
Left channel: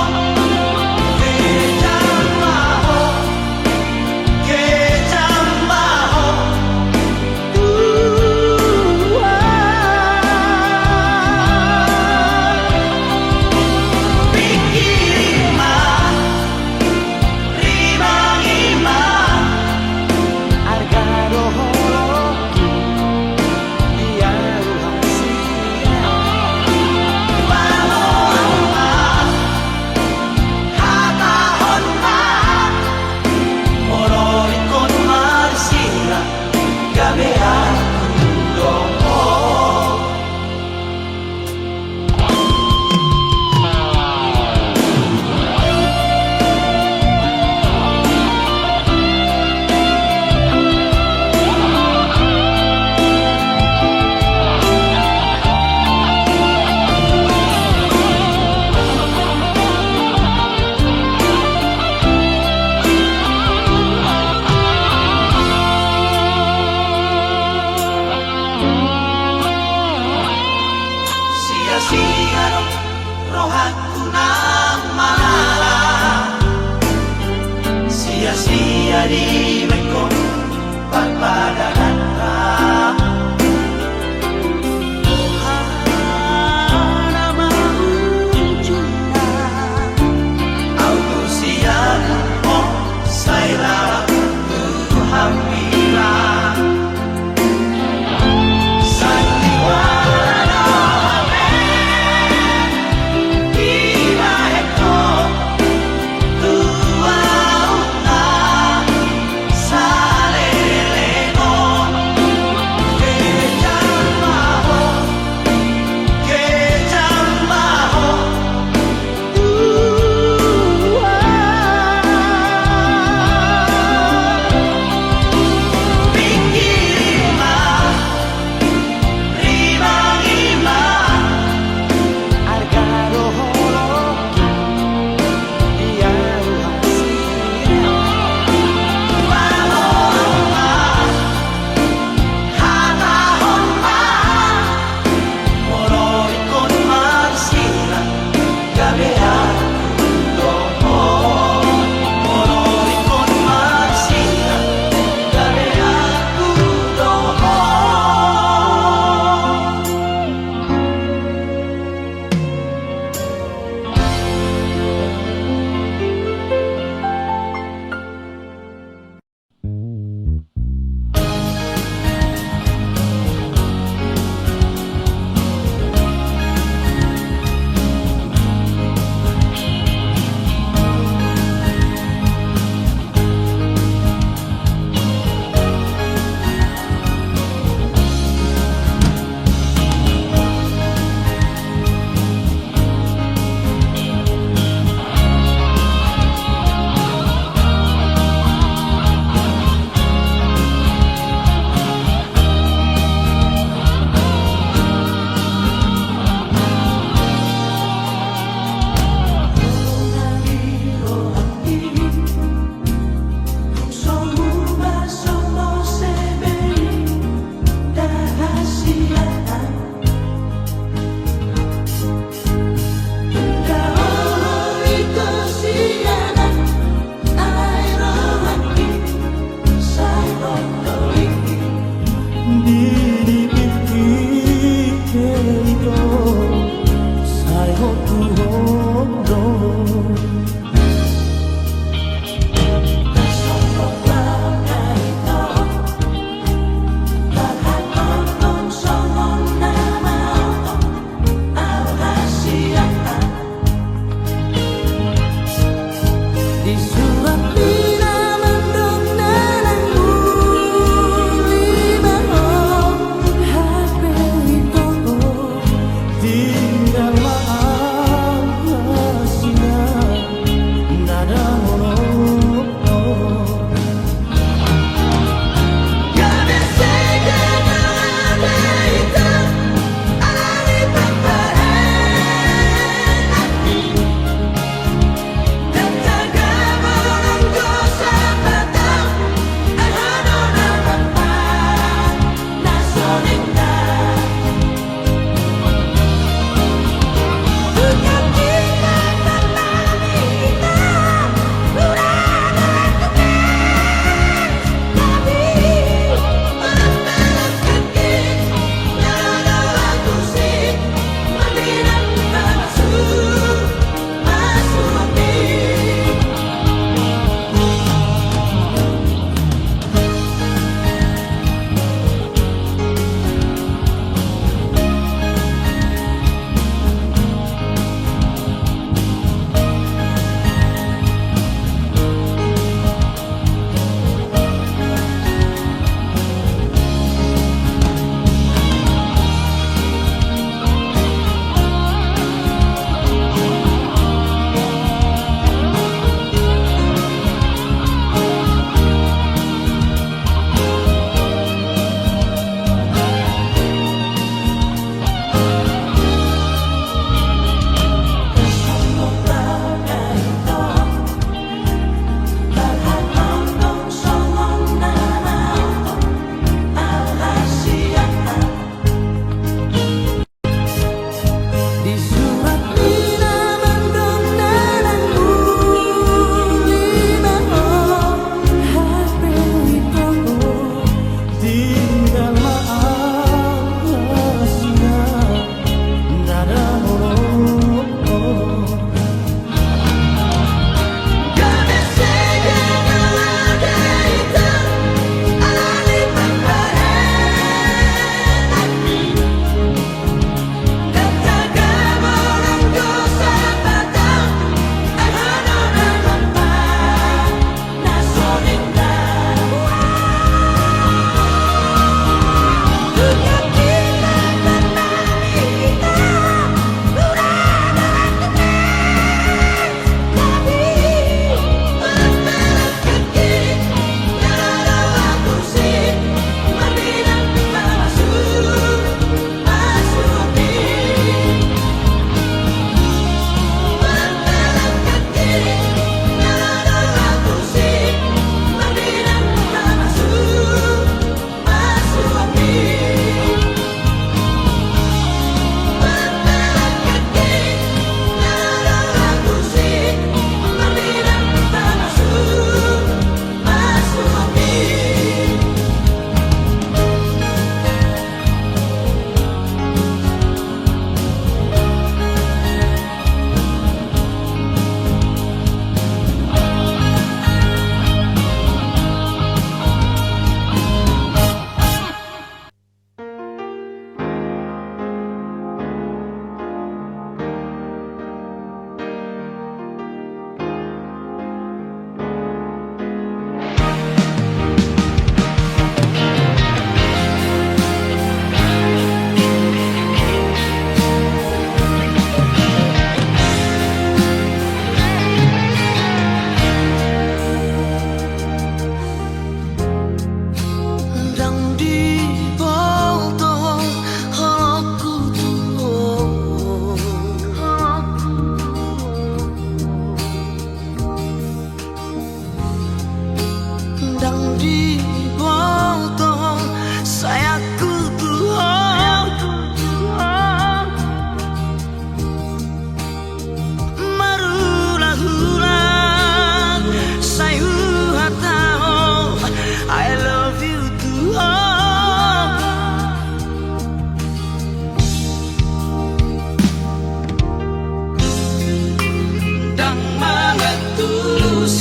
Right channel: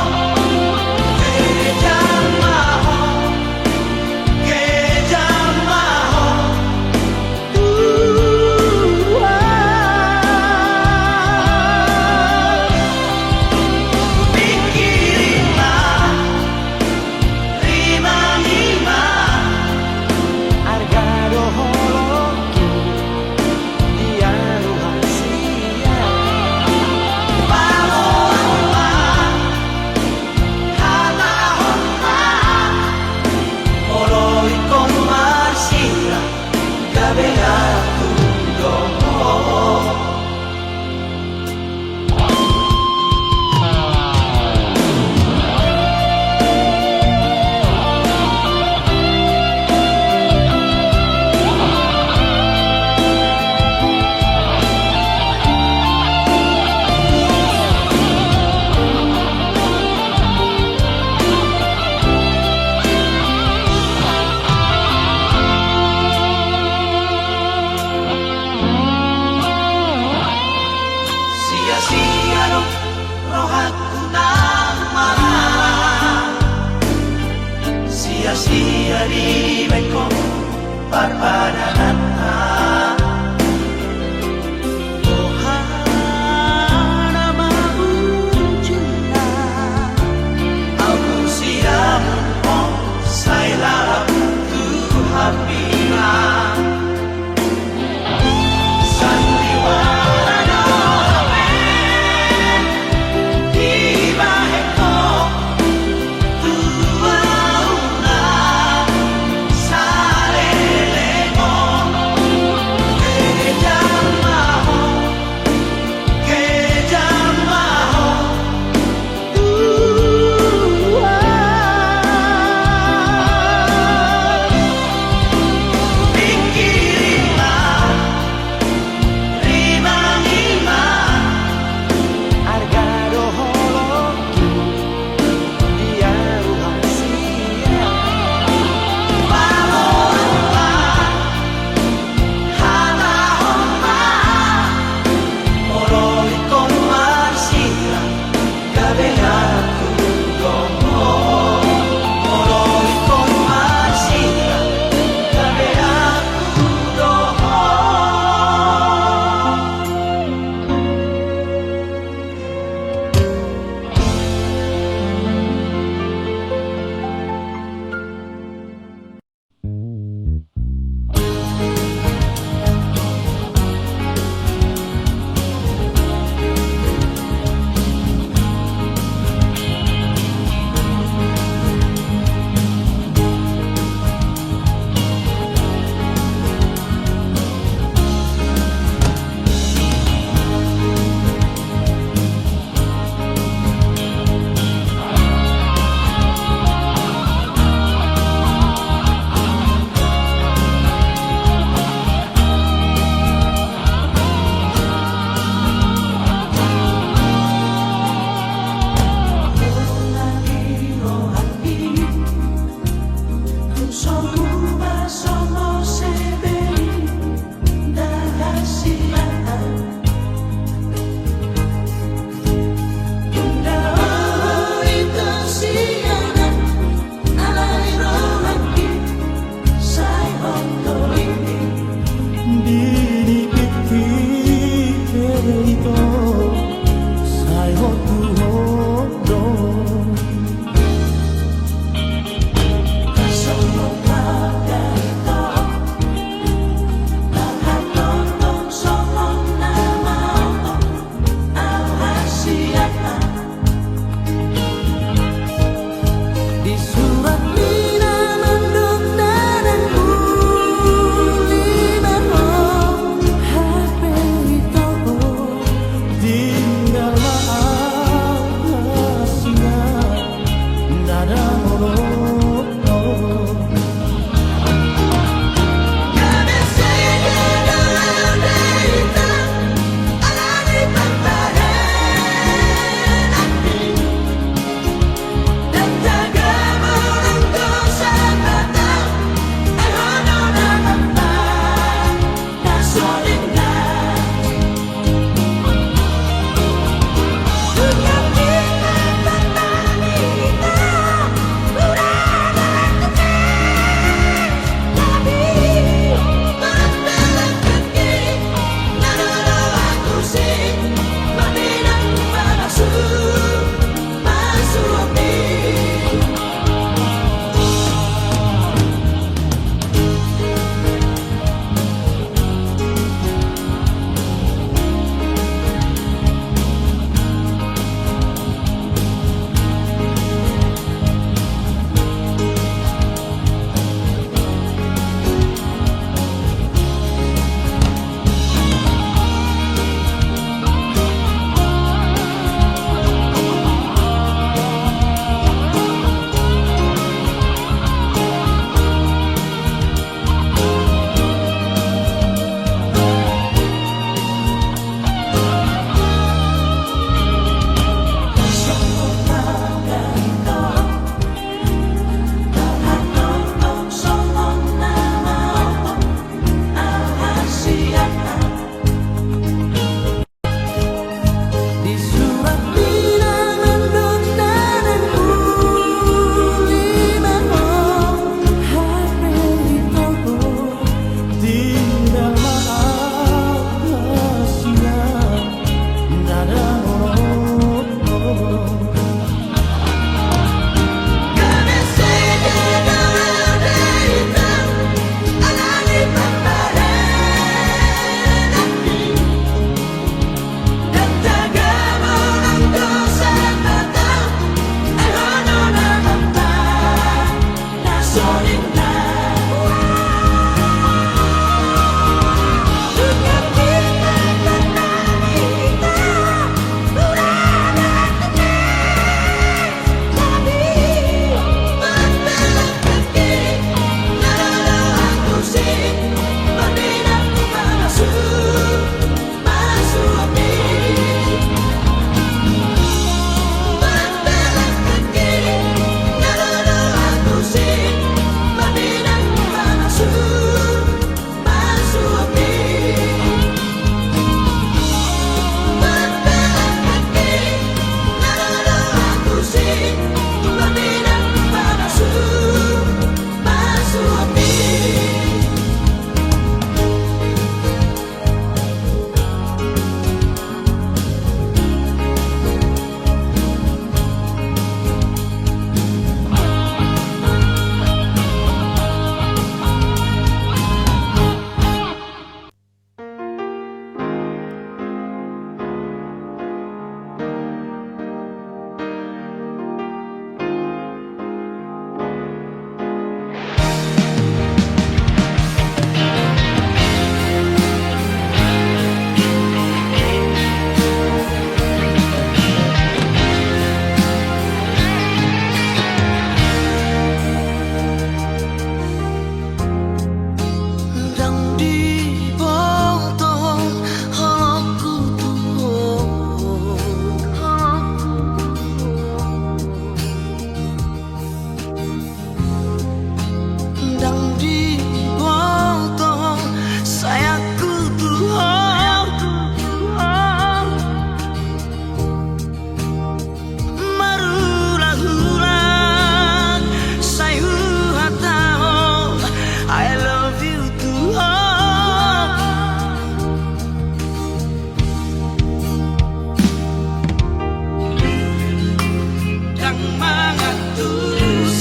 padanata Ohana maujuna Aku siap oh saya Tuhan bilang Sandiwara Iba eko Tua una Salelego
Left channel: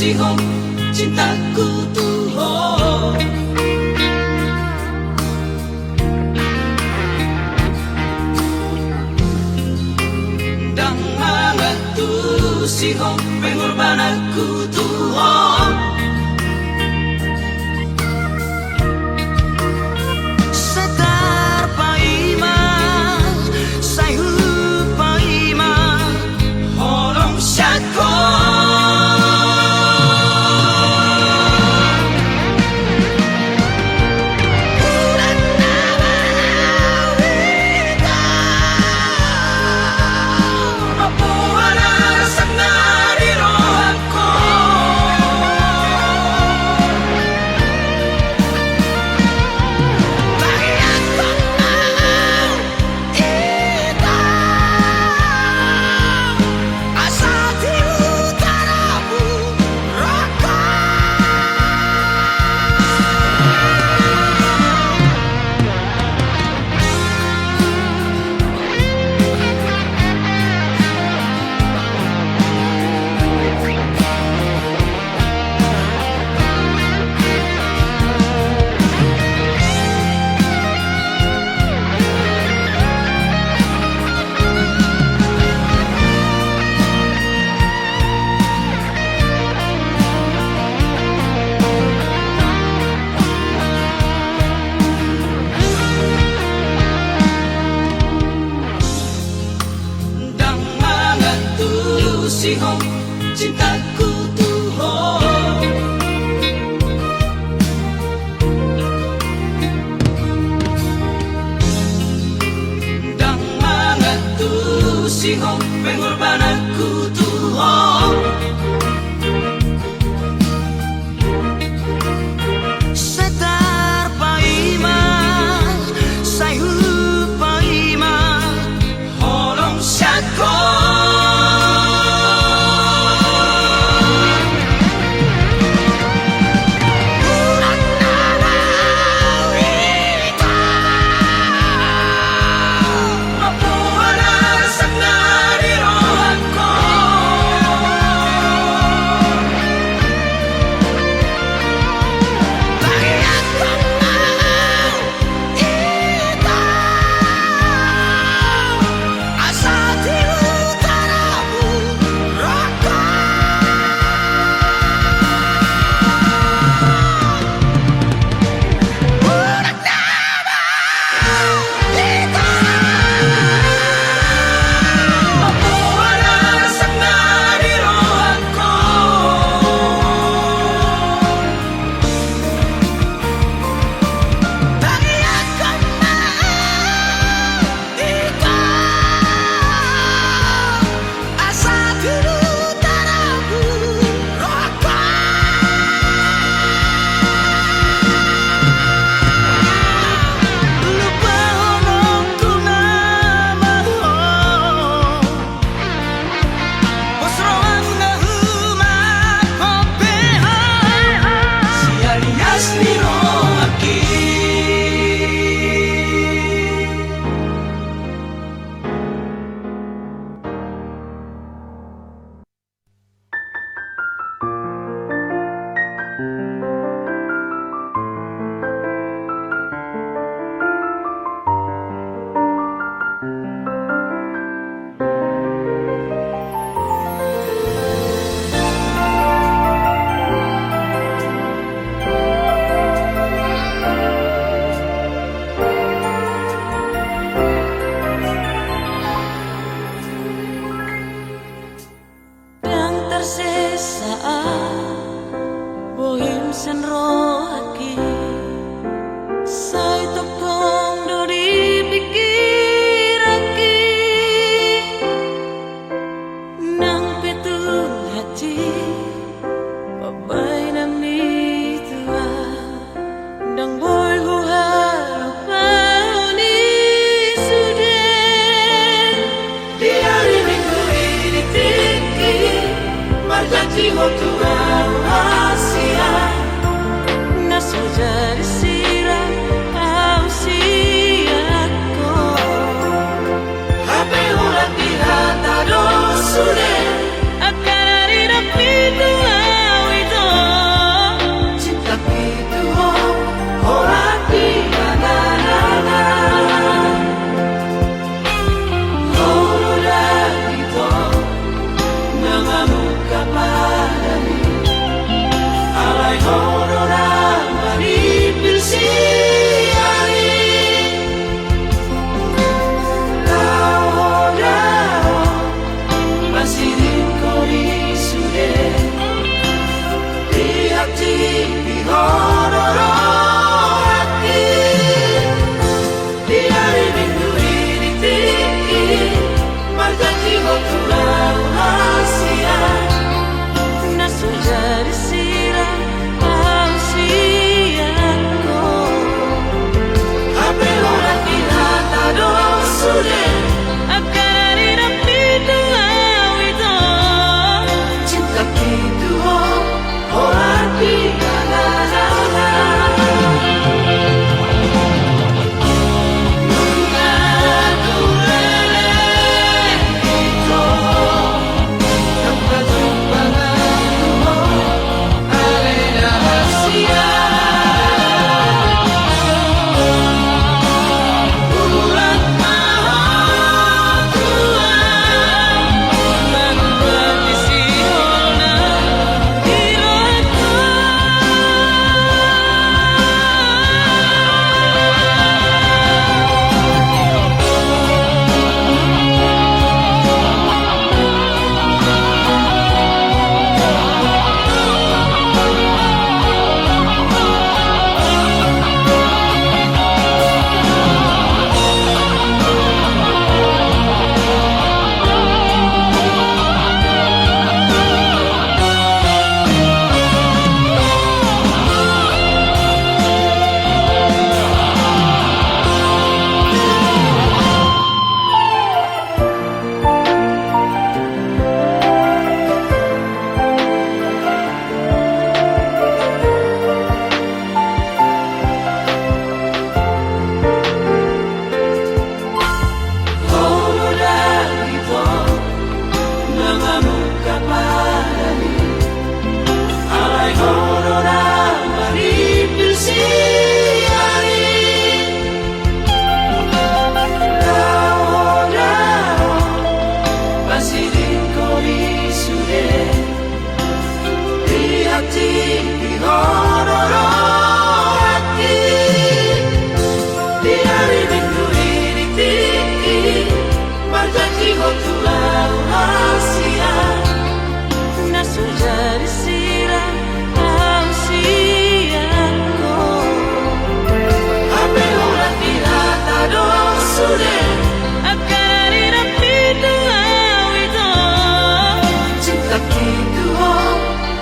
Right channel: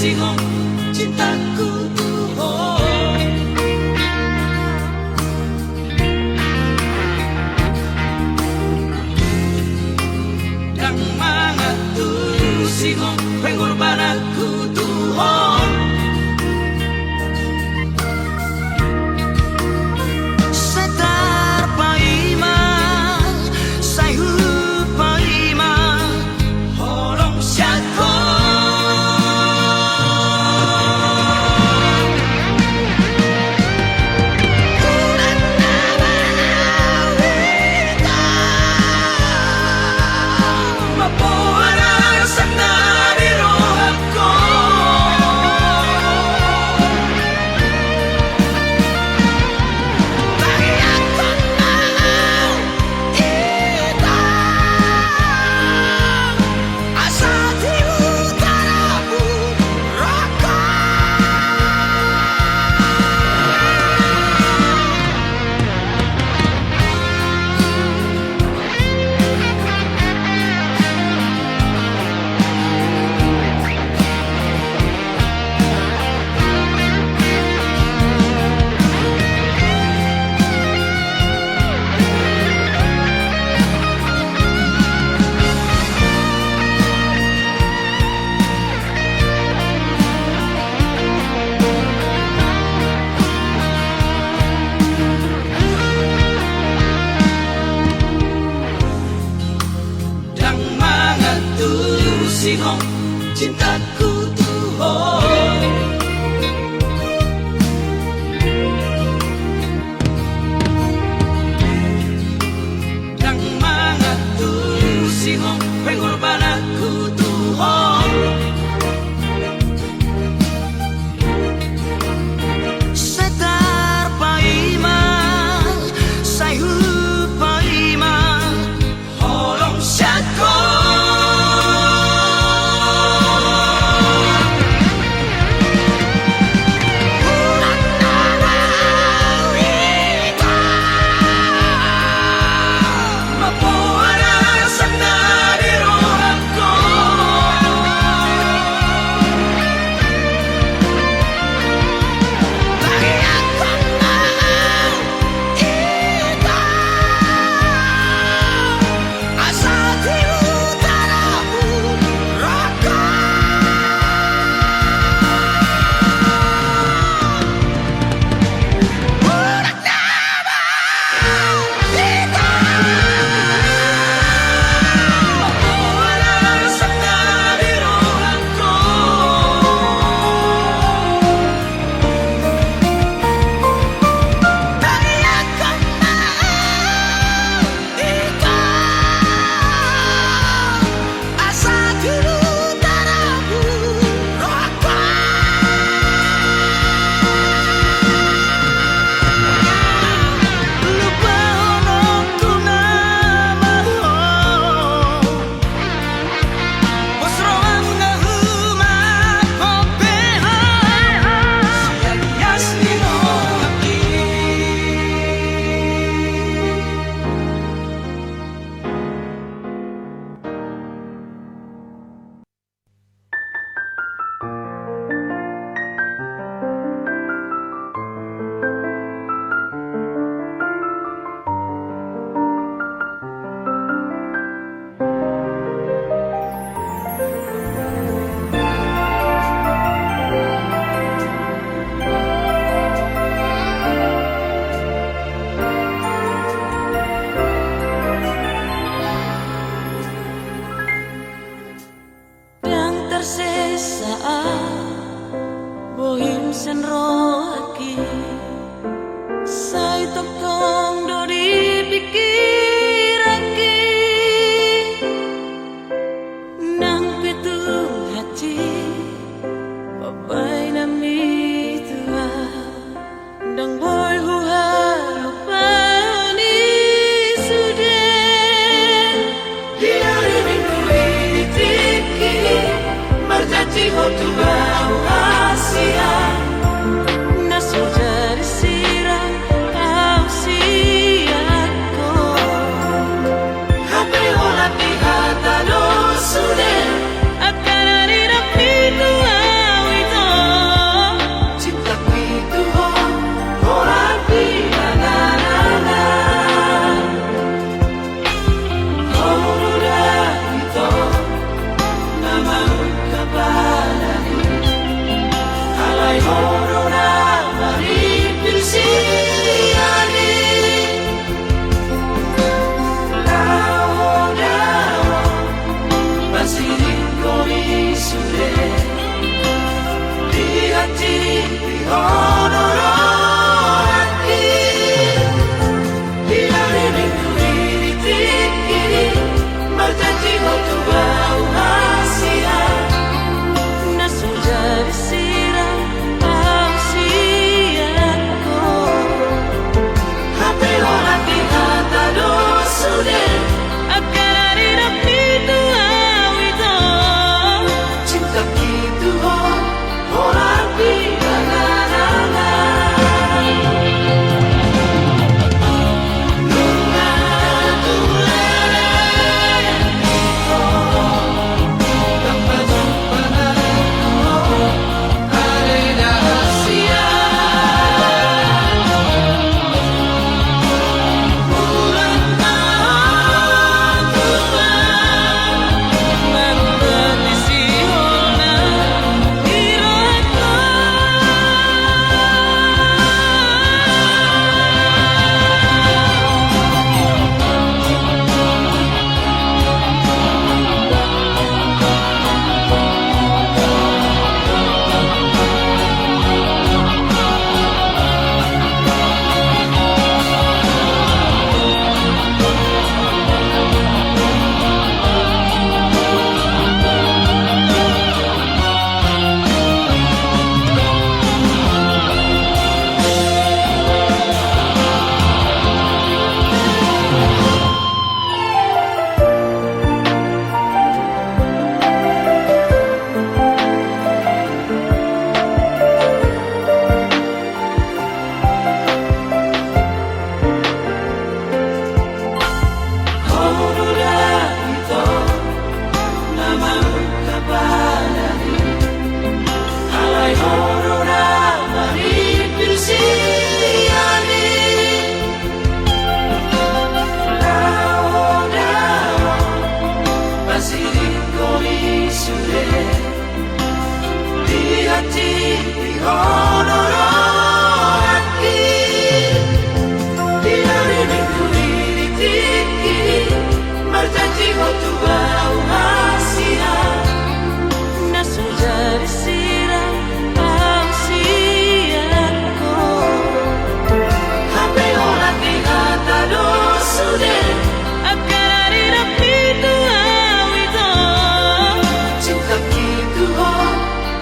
singong cintaku Tuhan. Dan mangatu singong pengorbananku Tuhan. Singong cintaku Tuhan. Dan mangatu singong pengorbananku Tuhan. Setar paimang sayu paimang holong syakon. Bohim senro aki sai tok tong do dipikir aki nang petu hati papai nami tua dang boy hu harupa ni sudah Diari minggu ini tiki berjanji untuk sudah disiram kau siako Hape ula pirata do sude akan hari rapi tuawi Basirin kori sude di hati di honoro hati di hari minggu ini tiki berjanji untuk bau Asia nasu jadi siram Ausiaku hape orang di hata dosude akan hari rapi tua itu cinta gitu orang di nasu jadi siram Ausiaku hape orang di hata dosude akan hari rapi tua itu cinta gitu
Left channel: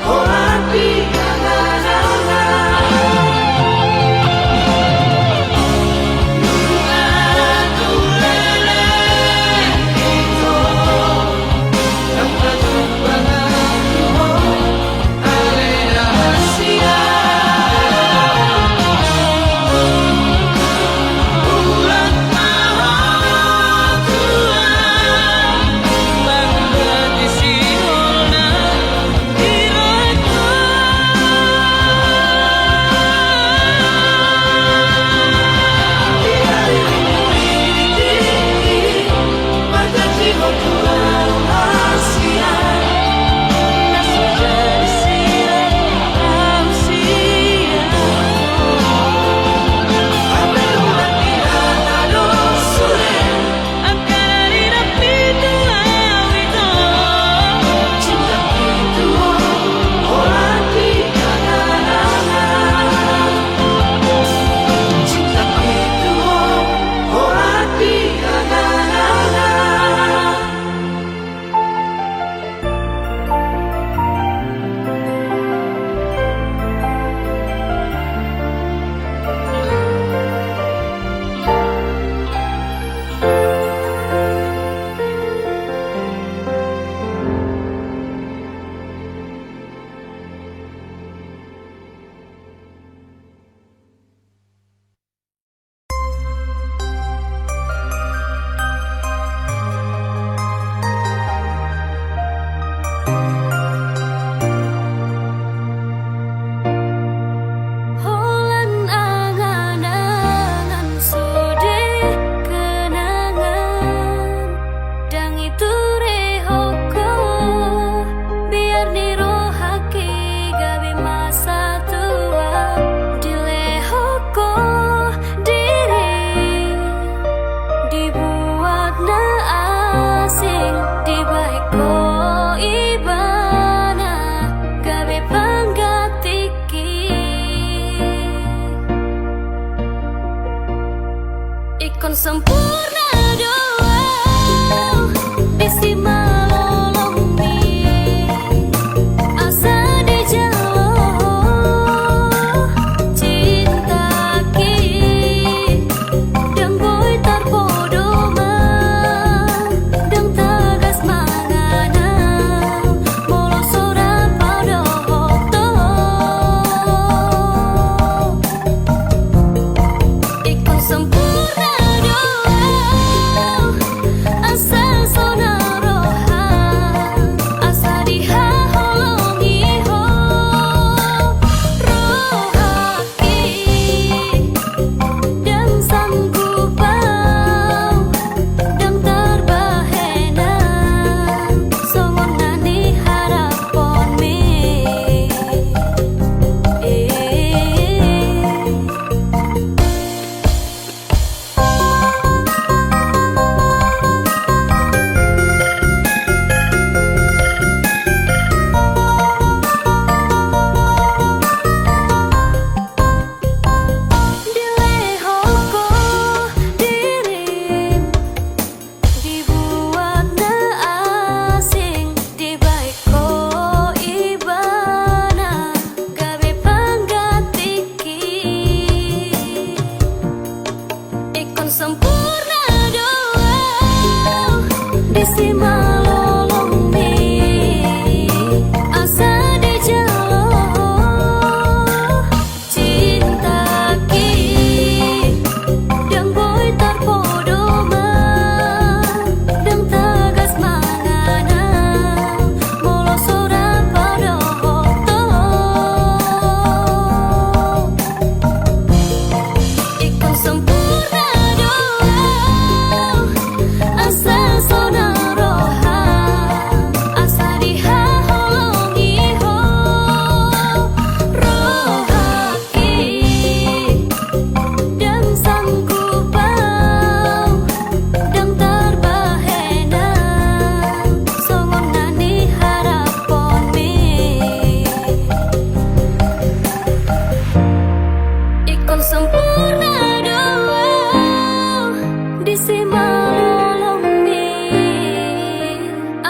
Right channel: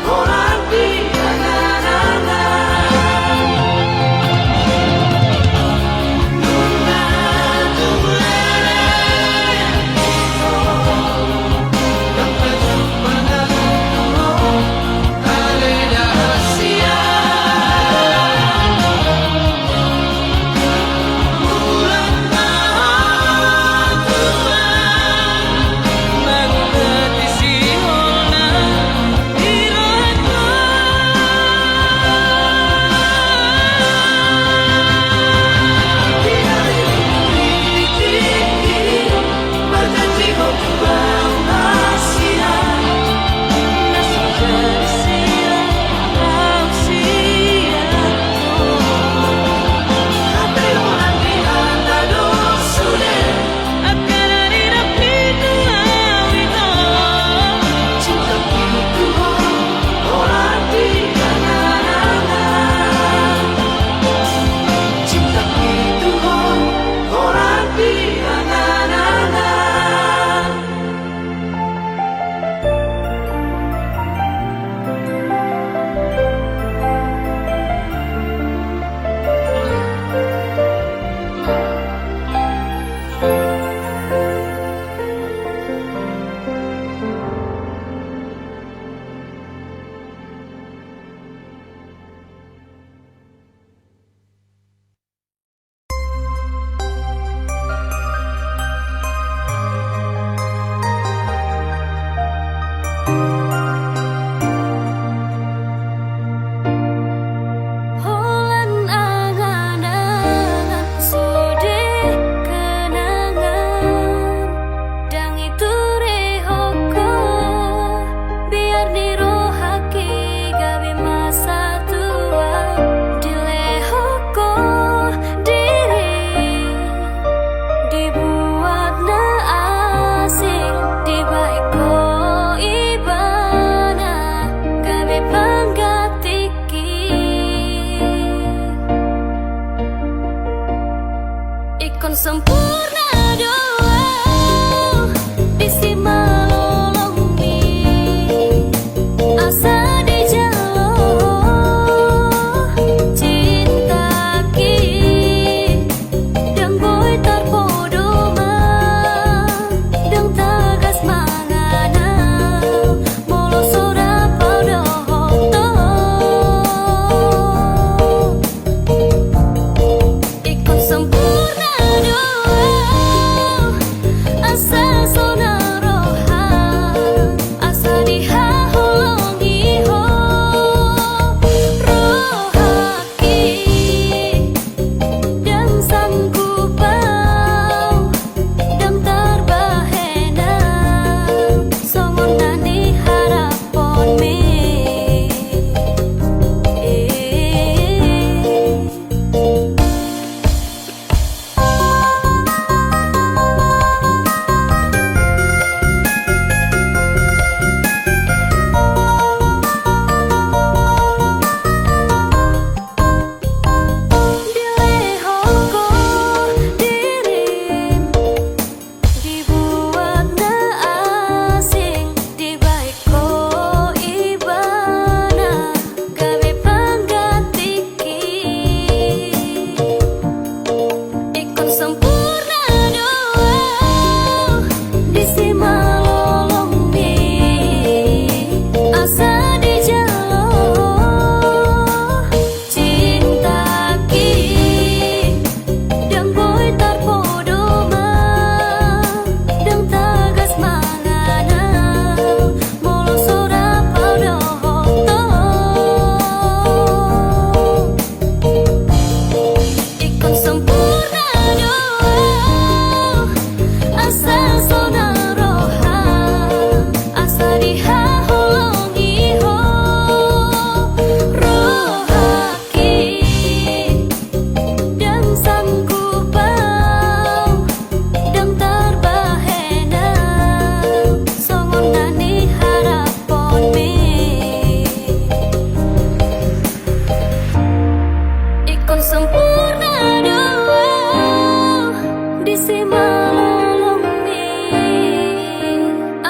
orang di Asia sempurna doa bisi malolong mi asa di jalo cinta ki dang boy tarpodo ma dang tagas mangana molo sora paudo hoto ikon sempurna asa sona roha asa diha holongi ho rohaki dan sanggup bau dan terbahena songon nani harapon me Dilehoko dirim dibuat na asing dibaiko ibana gabe panggatiki ikon sempurna doa disi malolong mi asa di jalo cinta ki dang boy tarpodo ma dang tagas mangana molo sora paudo hoto ikon sempurna doa asa sona roha asa diha holongi ho rohaki dan sanggup bau dan terbahena songon nani harapon me ikon sempurna doa disi malolong mi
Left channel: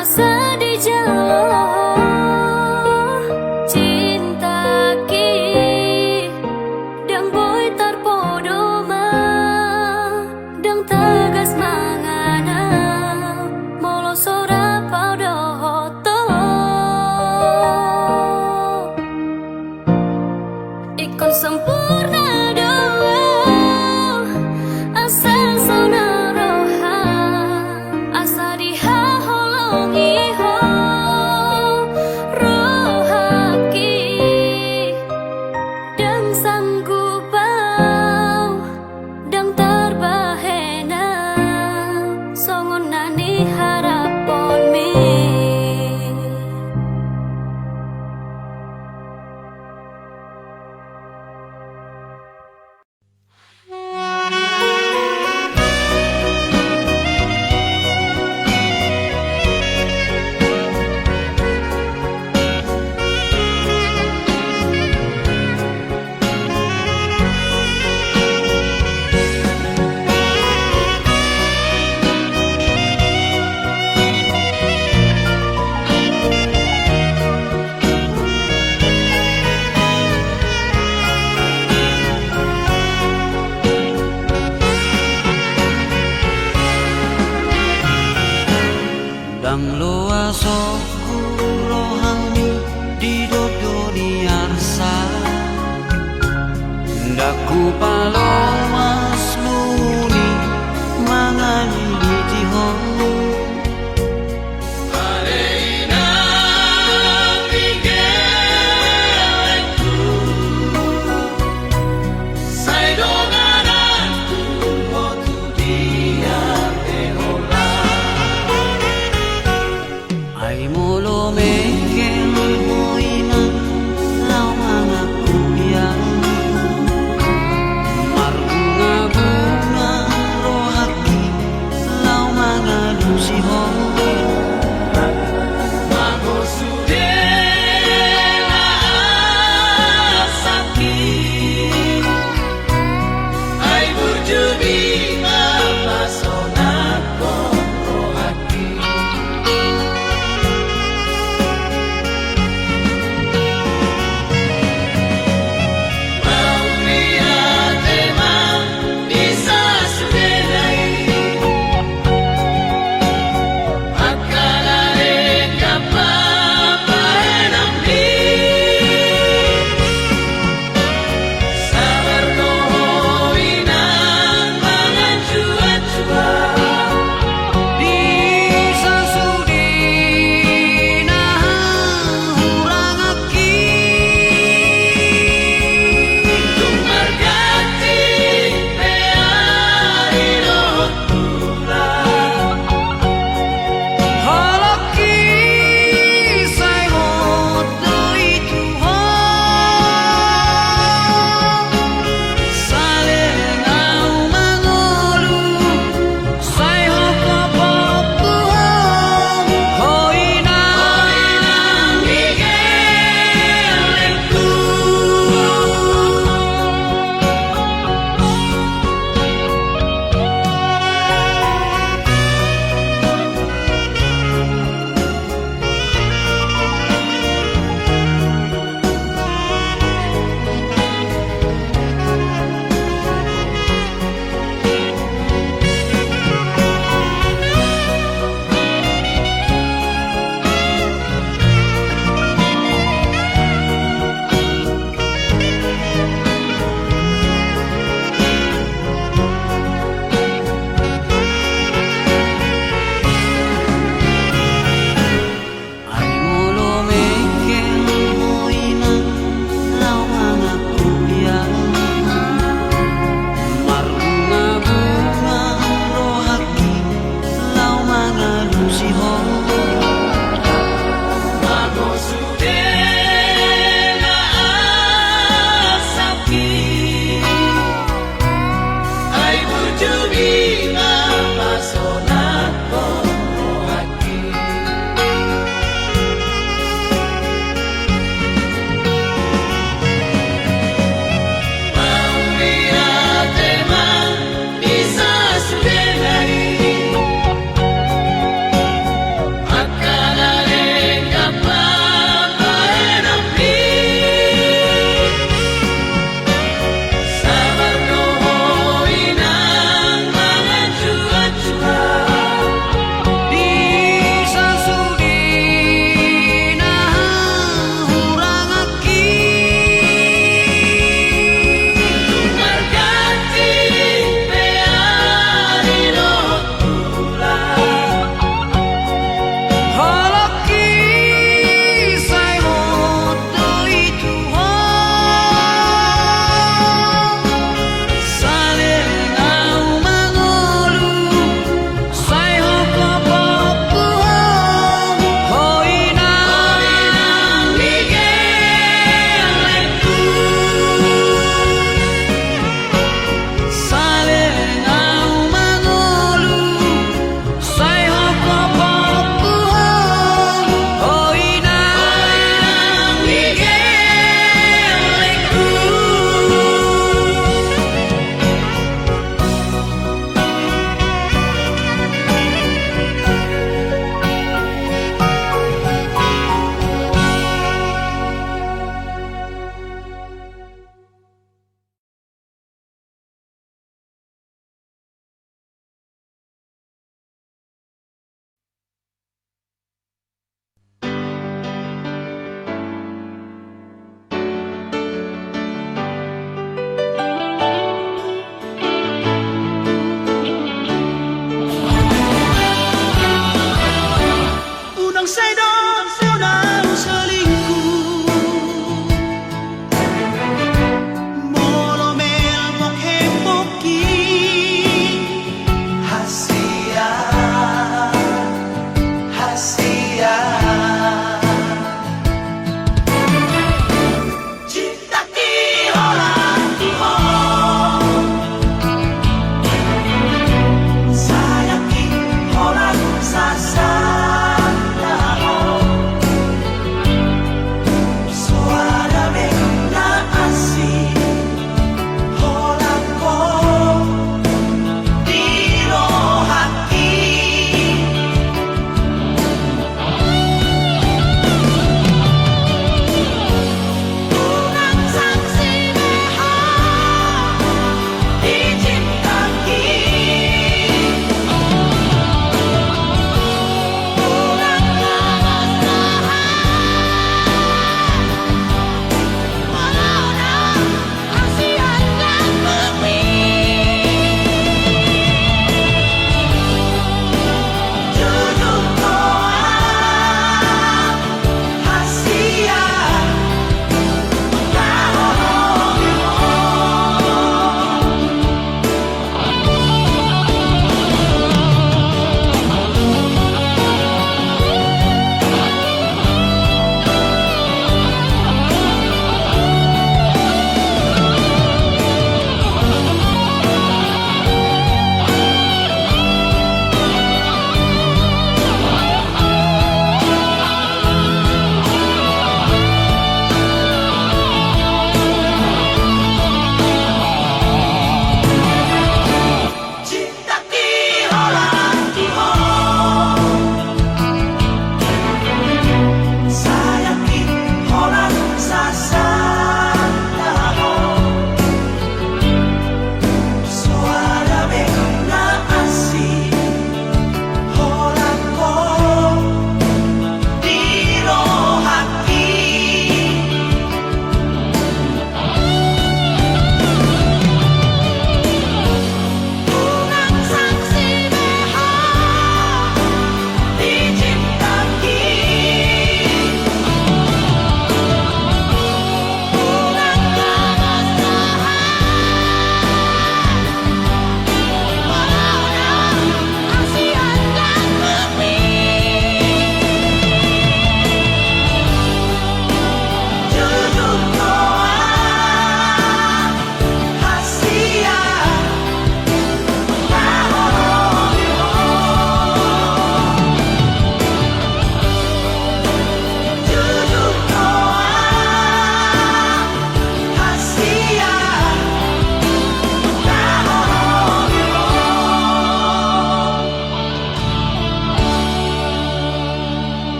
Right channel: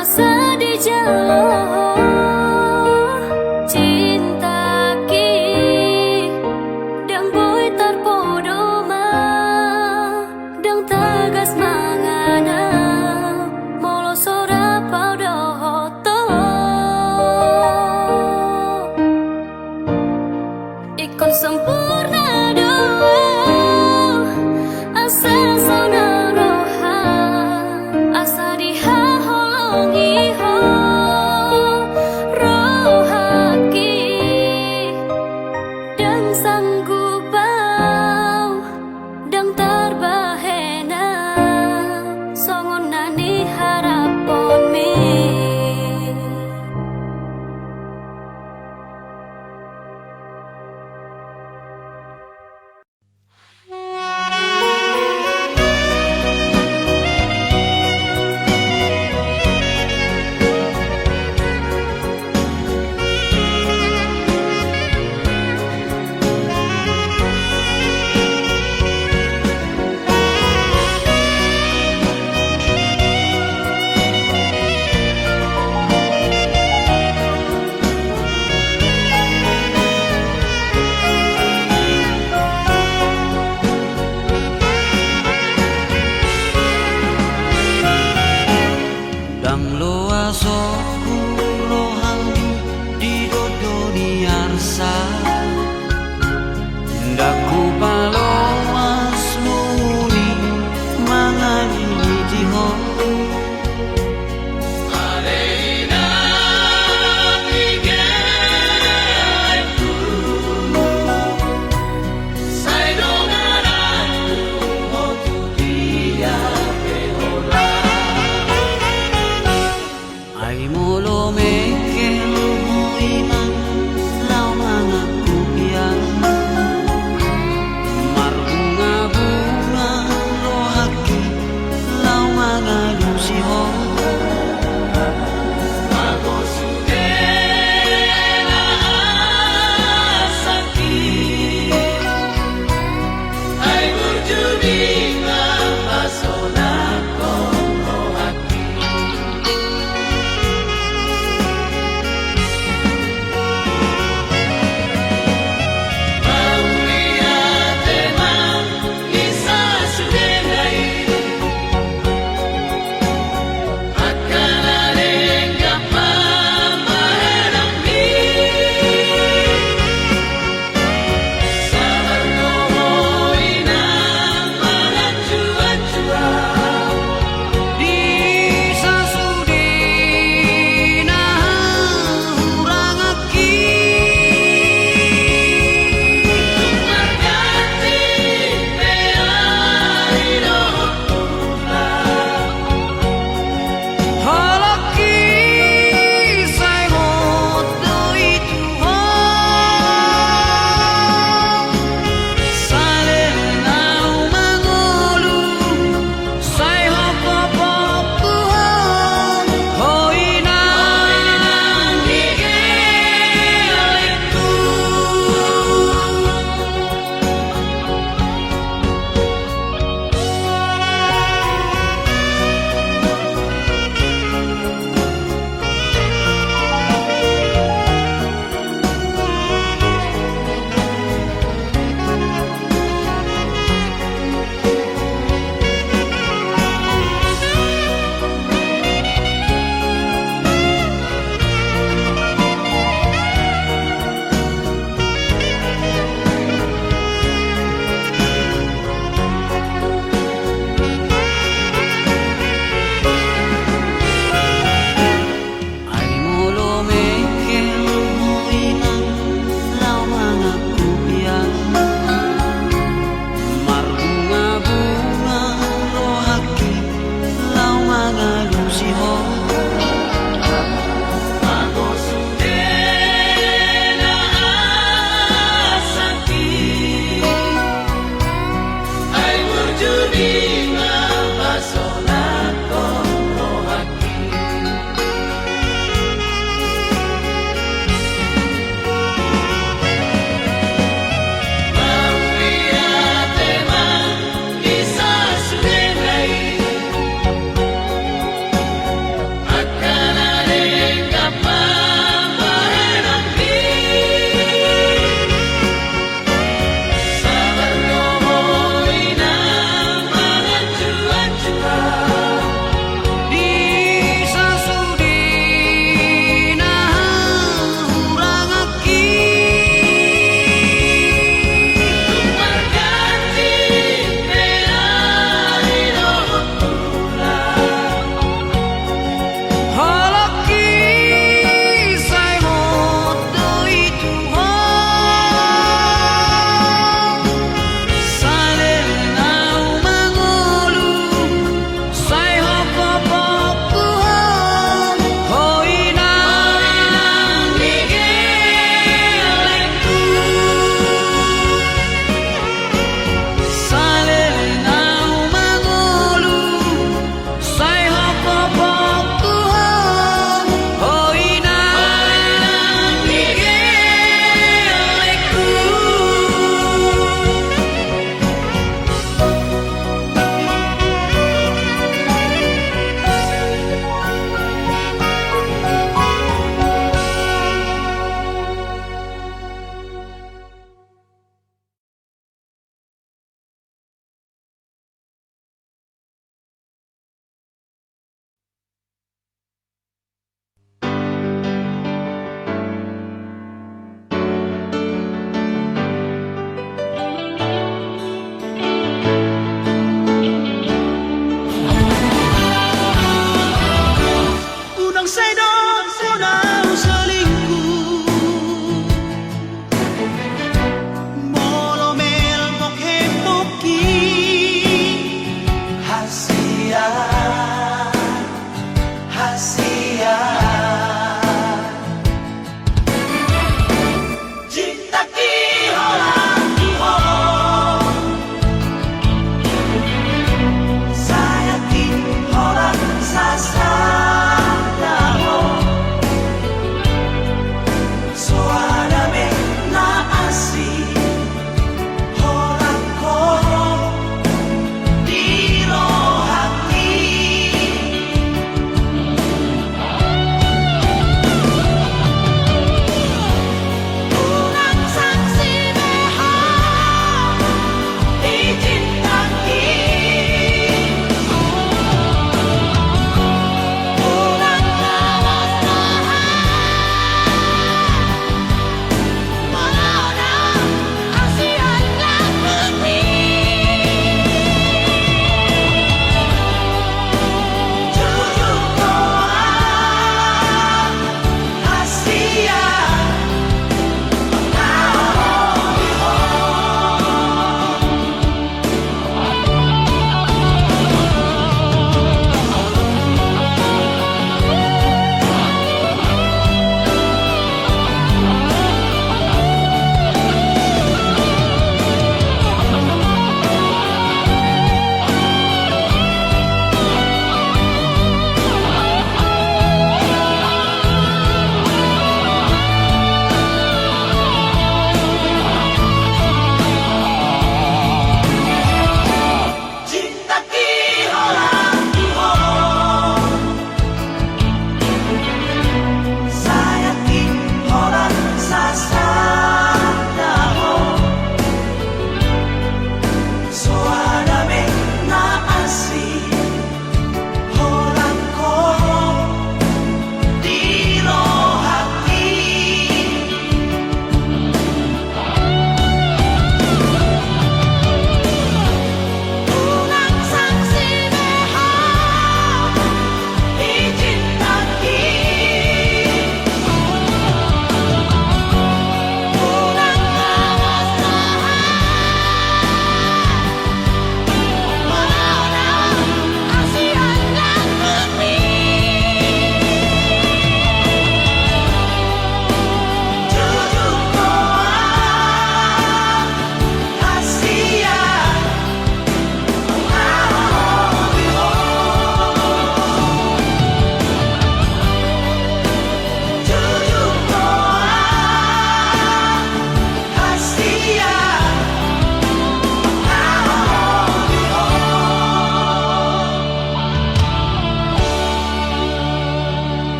asa di jalo cinta ki dang boy tarpodo ma dang tagas mangana molo sora paudo hoto ikon sempurna doa asa sona roha asa diha holongi ho rohaki dan sanggup bau dan terbahena songon nani harapon me Dang loa soku rohani di dodoni arsa Daku palomas luni mangani di jiho Ai molo me